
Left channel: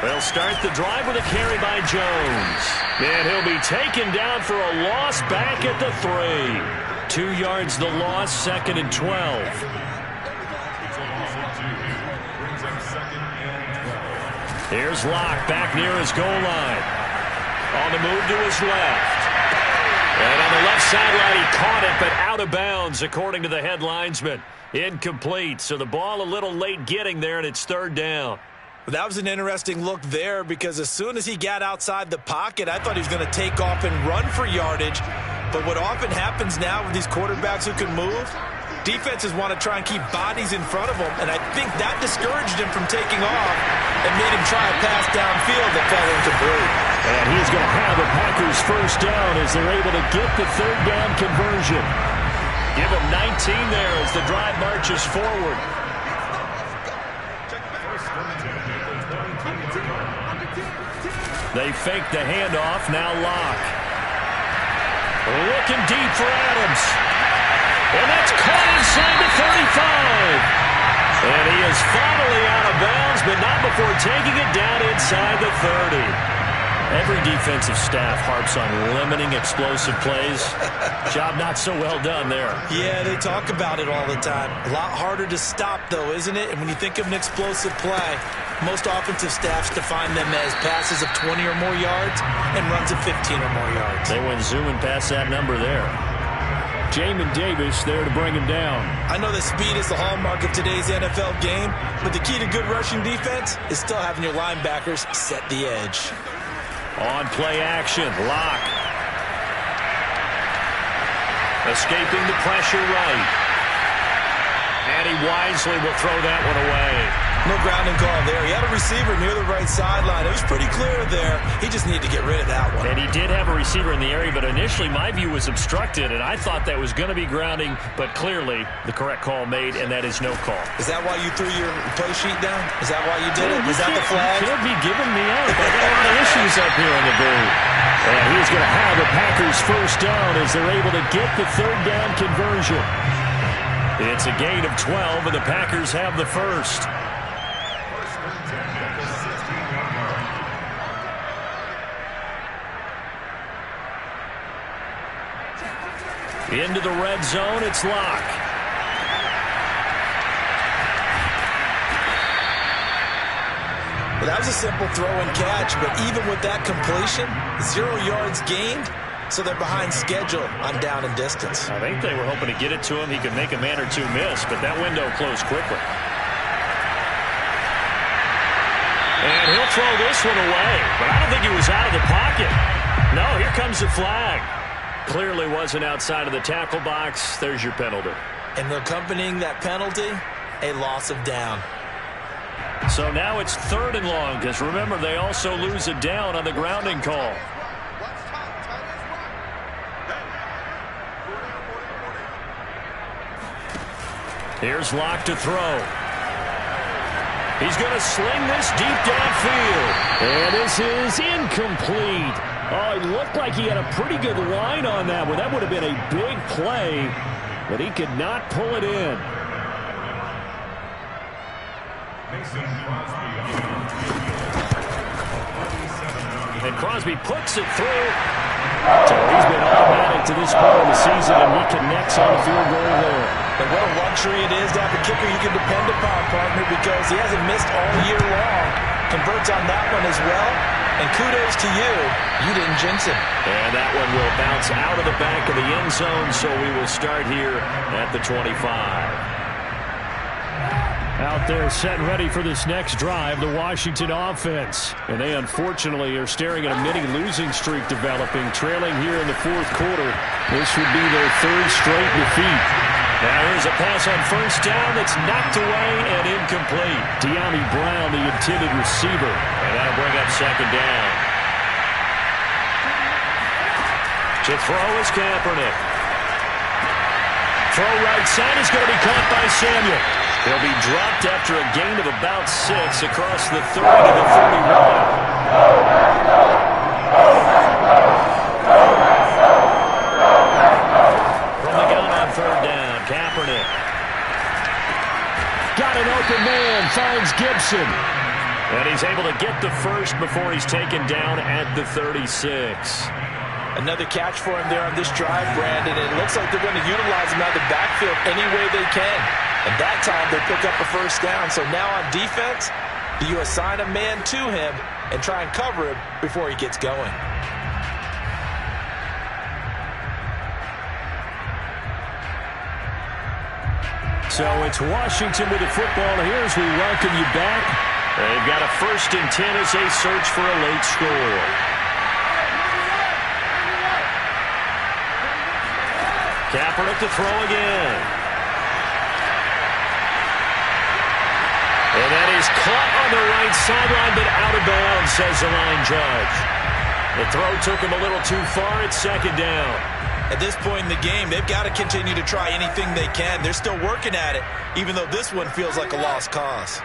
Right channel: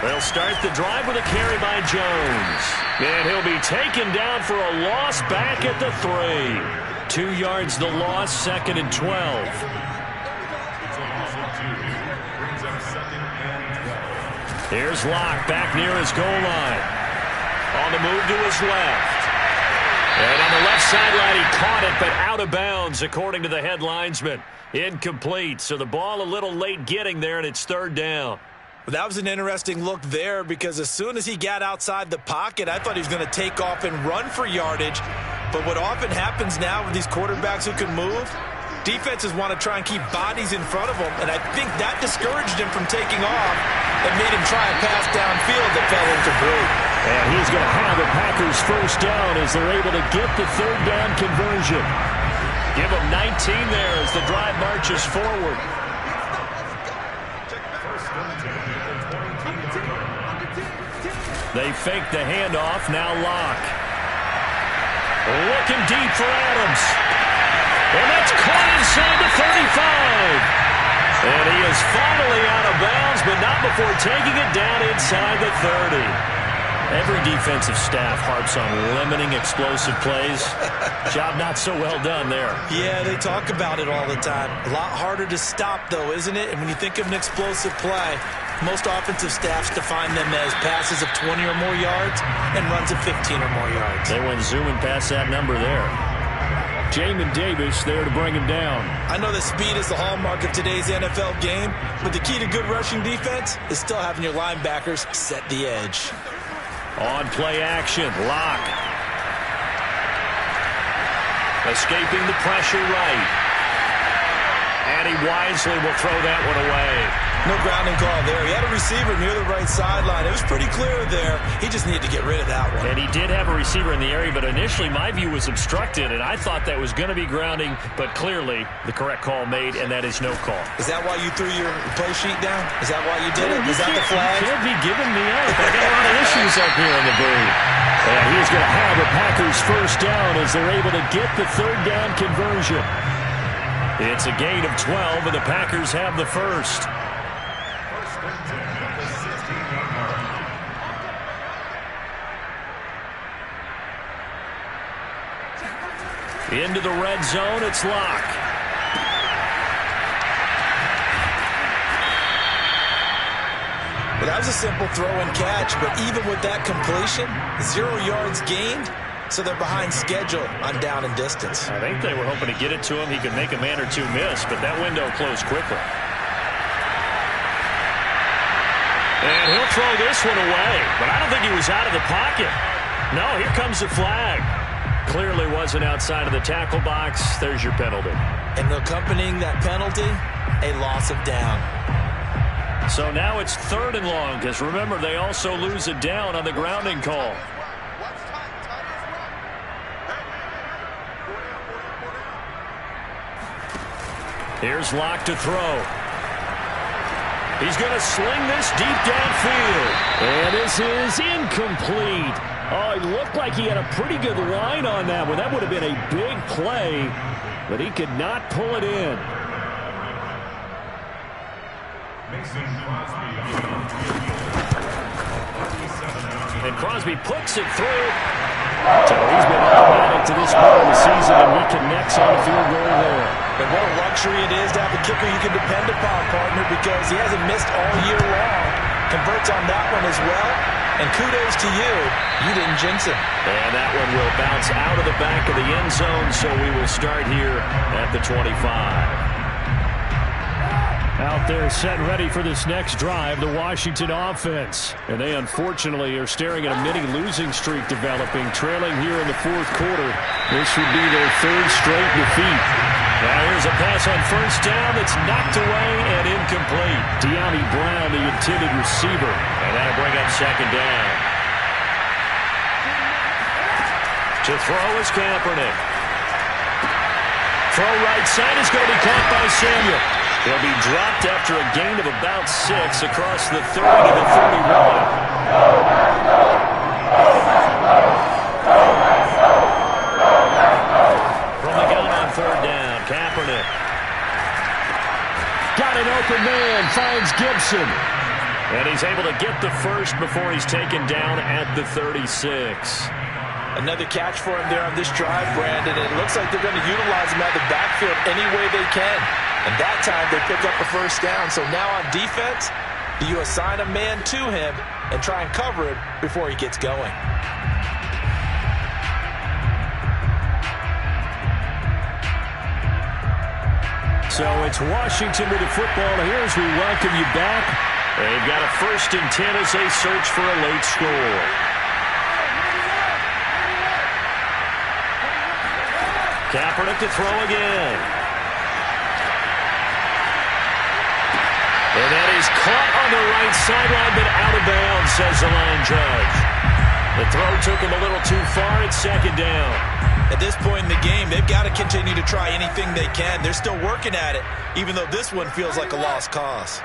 They'll start the drive with a carry by Jones. And he'll be taken down for a loss back at the 3. 2 yards the loss, 2nd and 12. Here's Locke back near his goal line. On the move to his left. And on the left sideline, he caught it, but out of bounds, according to the head linesman. Incomplete, so the ball a little late getting there, and it's 3rd down. That was an interesting look there because as soon as he got outside the pocket, I thought he was going to take off and run for yardage. But what often happens now with these quarterbacks who can move, defenses want to try and keep bodies in front of them, and I think that discouraged him from taking off and made him try a pass downfield that fell incomplete. And he's going to have the Packers first down as they're able to get the 3rd down conversion. Give him 19 there as the drive marches forward. They fake the handoff, now Locke. Looking deep for Adams. And that's caught inside the 35. And he is finally out of bounds, but not before taking it down inside the 30. Every defensive staff harps on limiting explosive plays. Job not so well done there. Yeah, they talk about it all the time. A lot harder to stop, though, isn't it? And when you think of an explosive play, most offensive staffs define them as passes of 20 or more yards and runs of 15 or more yards. They went zooming past that number there. Jamin Davis there to bring him down. I know that speed is the hallmark of today's NFL game, but the key to good rushing defense is still having your linebackers set the edge. On play action, Locke. Escaping the pressure right. And he wisely will throw that one away. No grounding call there. He had a receiver near the right sideline. It was pretty clear there. He just needed to get rid of that one. And he did have a receiver in the area, but initially my view was obstructed, and I thought that was going to be grounding, but clearly the correct call made, and that is no call. Is that why you threw your play sheet down? Is that why you did it? Is that the flag? You can't be giving me up. I got a lot of issues up here in the booth. And he's going to have the Packers first down as they're able to get the 3rd down conversion. It's a gain of 12, and the Packers have the first. Into the red zone, it's Locke. Well, that was a simple throw and catch, but even with that completion, 0 yards gained, so they're behind schedule on down and distance. I think they were hoping to get it to him. He could make a man or two miss, but that window closed quickly. And he'll throw this one away, but I don't think he was out of the pocket. No, here comes the flag. Clearly wasn't outside of the tackle box. There's your penalty. And accompanying that penalty, a loss of down. So now it's 3rd and long, because remember, they also lose a down on the grounding call. Here's Locke to throw. He's going to sling this deep downfield. And this is incomplete. Oh, it looked like he had a pretty good line on that one. That would have been a big play, but he could not pull it in. And Crosby puts it through. So he's been automatic to this part of the season, and he connects on the field goal there. And what a luxury it is to have a kicker you can depend upon, partner, because he hasn't missed all year long. Converts on that one as well. And kudos to you. You didn't jinx him. And that one will bounce out of the back of the end zone, so we will start here at the 25. Out there set and ready for this next drive, the Washington offense. And they unfortunately are staring at a mini losing streak developing, trailing here in the fourth quarter. This would be their third straight defeat. Now here's a pass on first down that's knocked away and incomplete. De'Ami Brown, the intended receiver. And that'll bring up second down. To throw is Kaepernick. Throw right side is going to be caught by Samuel. He'll be dropped after a gain of about 6 across the 30 to the 31. From the gun on third down, Kaepernick. Got an open man, finds Gibson. And he's able to get the first before he's taken down at the 36. Another catch for him there on this drive, Brandon. It looks like they're going to utilize him out of the backfield any way they can. And that time they pick up a first down. So now on defense, do you assign a man to him and try and cover him before he gets going? So it's Washington with the football here as we welcome you back. They've got a 1st and 10 as they search for a late score. Kaepernick to throw again. And that is caught on the right sideline, but out of bounds, says the line judge. The throw took him a little too far. It's second down. At this point in the game, they've got to continue to try anything they can. They're still working at it, even though this one feels like a lost cause.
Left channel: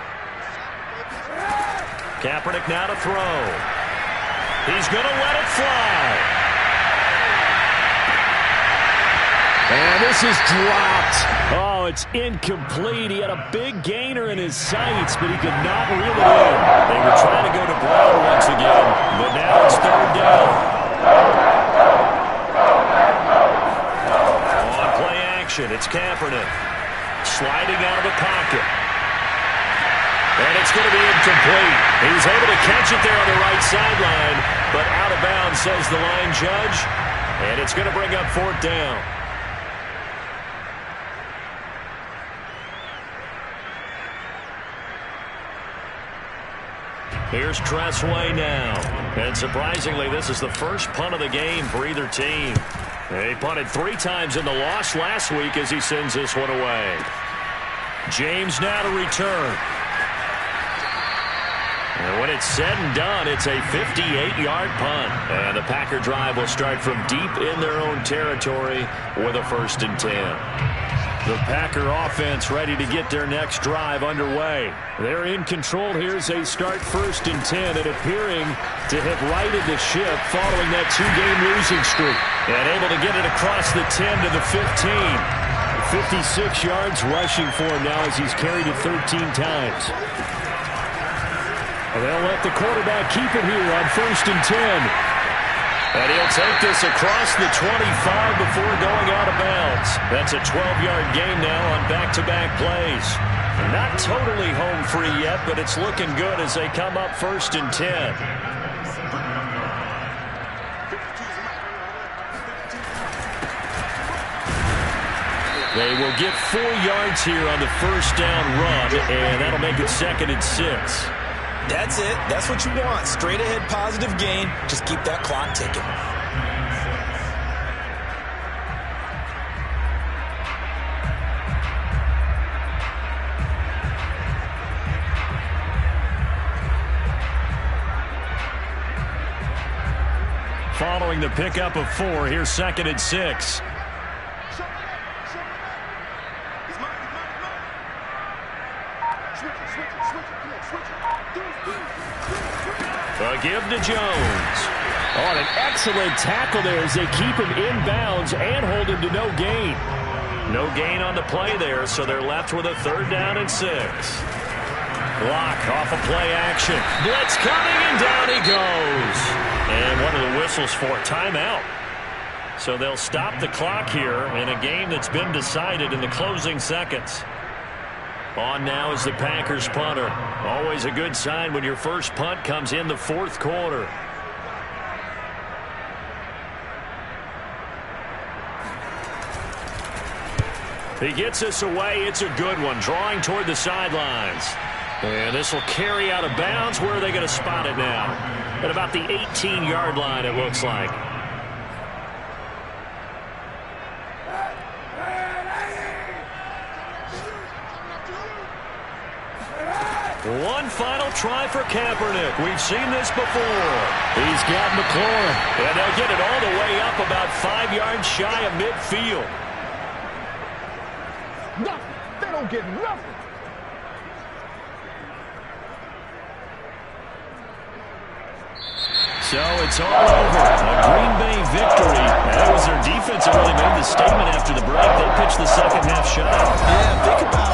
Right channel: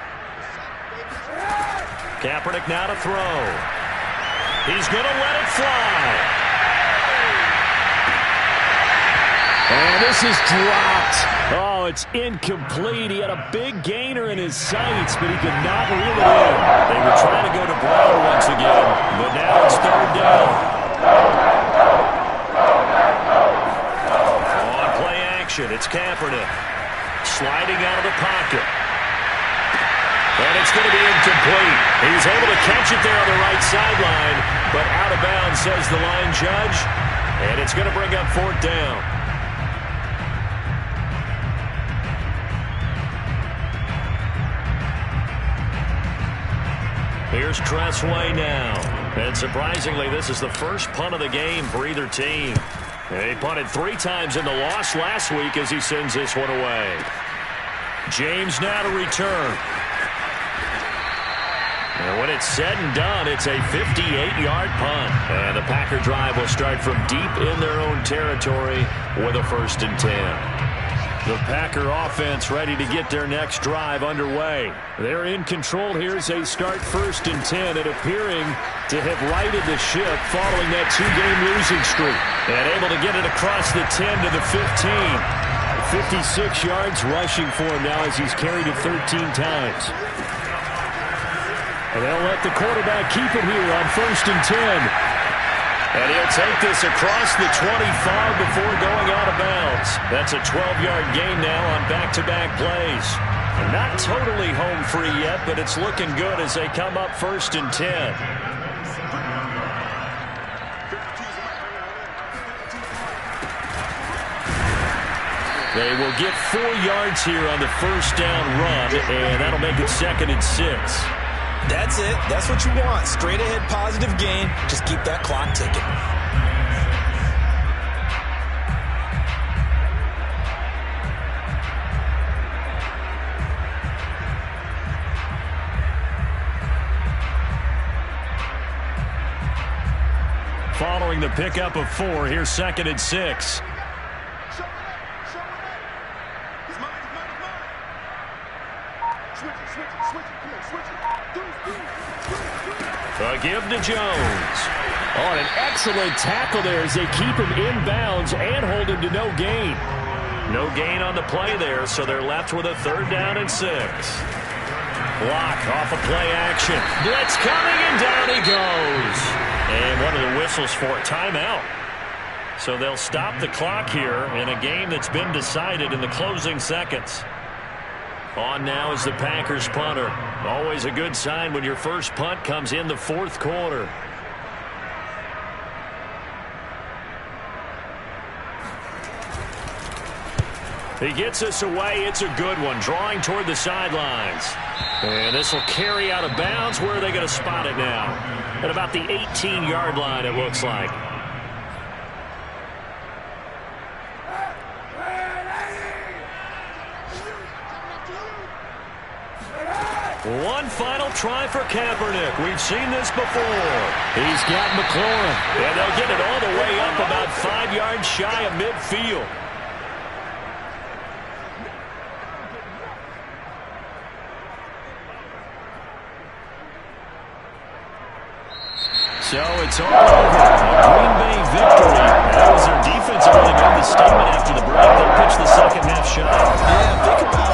Kaepernick now to throw. He's going to let it fly. And this is dropped. Oh, it's incomplete. He had a big gainer in his sights, but he could not reel it in. They were trying to go to Brown once again, but now it's third down. On play action, it's Kaepernick. Sliding out of the pocket. And it's going to be incomplete. He's able to catch it there on the right sideline, but out of bounds, says the line judge. And it's going to bring up fourth down. Here's Tressway now. And surprisingly, this is the first punt of the game for either team. He punted 3 times in the loss last week as he sends this one away. James now to return. And when it's said and done, it's a 58-yard punt. And the Packer drive will start from deep in their own territory with a 1st and 10. The Packer offense ready to get their next drive underway. They're in control here as they start 1st and 10 and appearing to have righted the ship following that 2-game losing streak. And able to get it across the 10 to the 15. 56 yards rushing for him now as he's carried it 13 times. And they'll let the quarterback keep it here on 1st and 10. And he'll take this across the 25 before going out of bounds. That's a 12-yard gain now on back-to-back plays. Not totally home free yet, but it's looking good as they come up 1st and 10. They will get 4 yards here on the first down run, and that'll make it 2nd and 6. That's it. That's what you want. Straight ahead positive gain. Just keep that clock ticking. Following the pickup of 4, here's 2nd and 6. A give to Jones. Oh, and an excellent tackle there as they keep him inbounds and hold him to no gain. No gain on the play there, so they're left with a 3rd down and 6. Block off of play action. Blitz coming, and down he goes. And one of the whistles for a timeout. So they'll stop the clock here in a game that's been decided in the closing seconds. On now is the Packers punter. Always a good sign when your first punt comes in the fourth quarter. He gets us away. It's a good one, drawing toward the sidelines. And this will carry out of bounds. Where are they going to spot it now? At about the 18-yard line, it looks like. One final try for Kaepernick. We've seen this before. He's got McLaurin. And they'll get it all the way up about 5 yards shy of midfield. They don't get nothing. So it's all over. A Green Bay victory. That was their defense that really made the statement after the break. They'll pitch the second half shot. Yeah, think about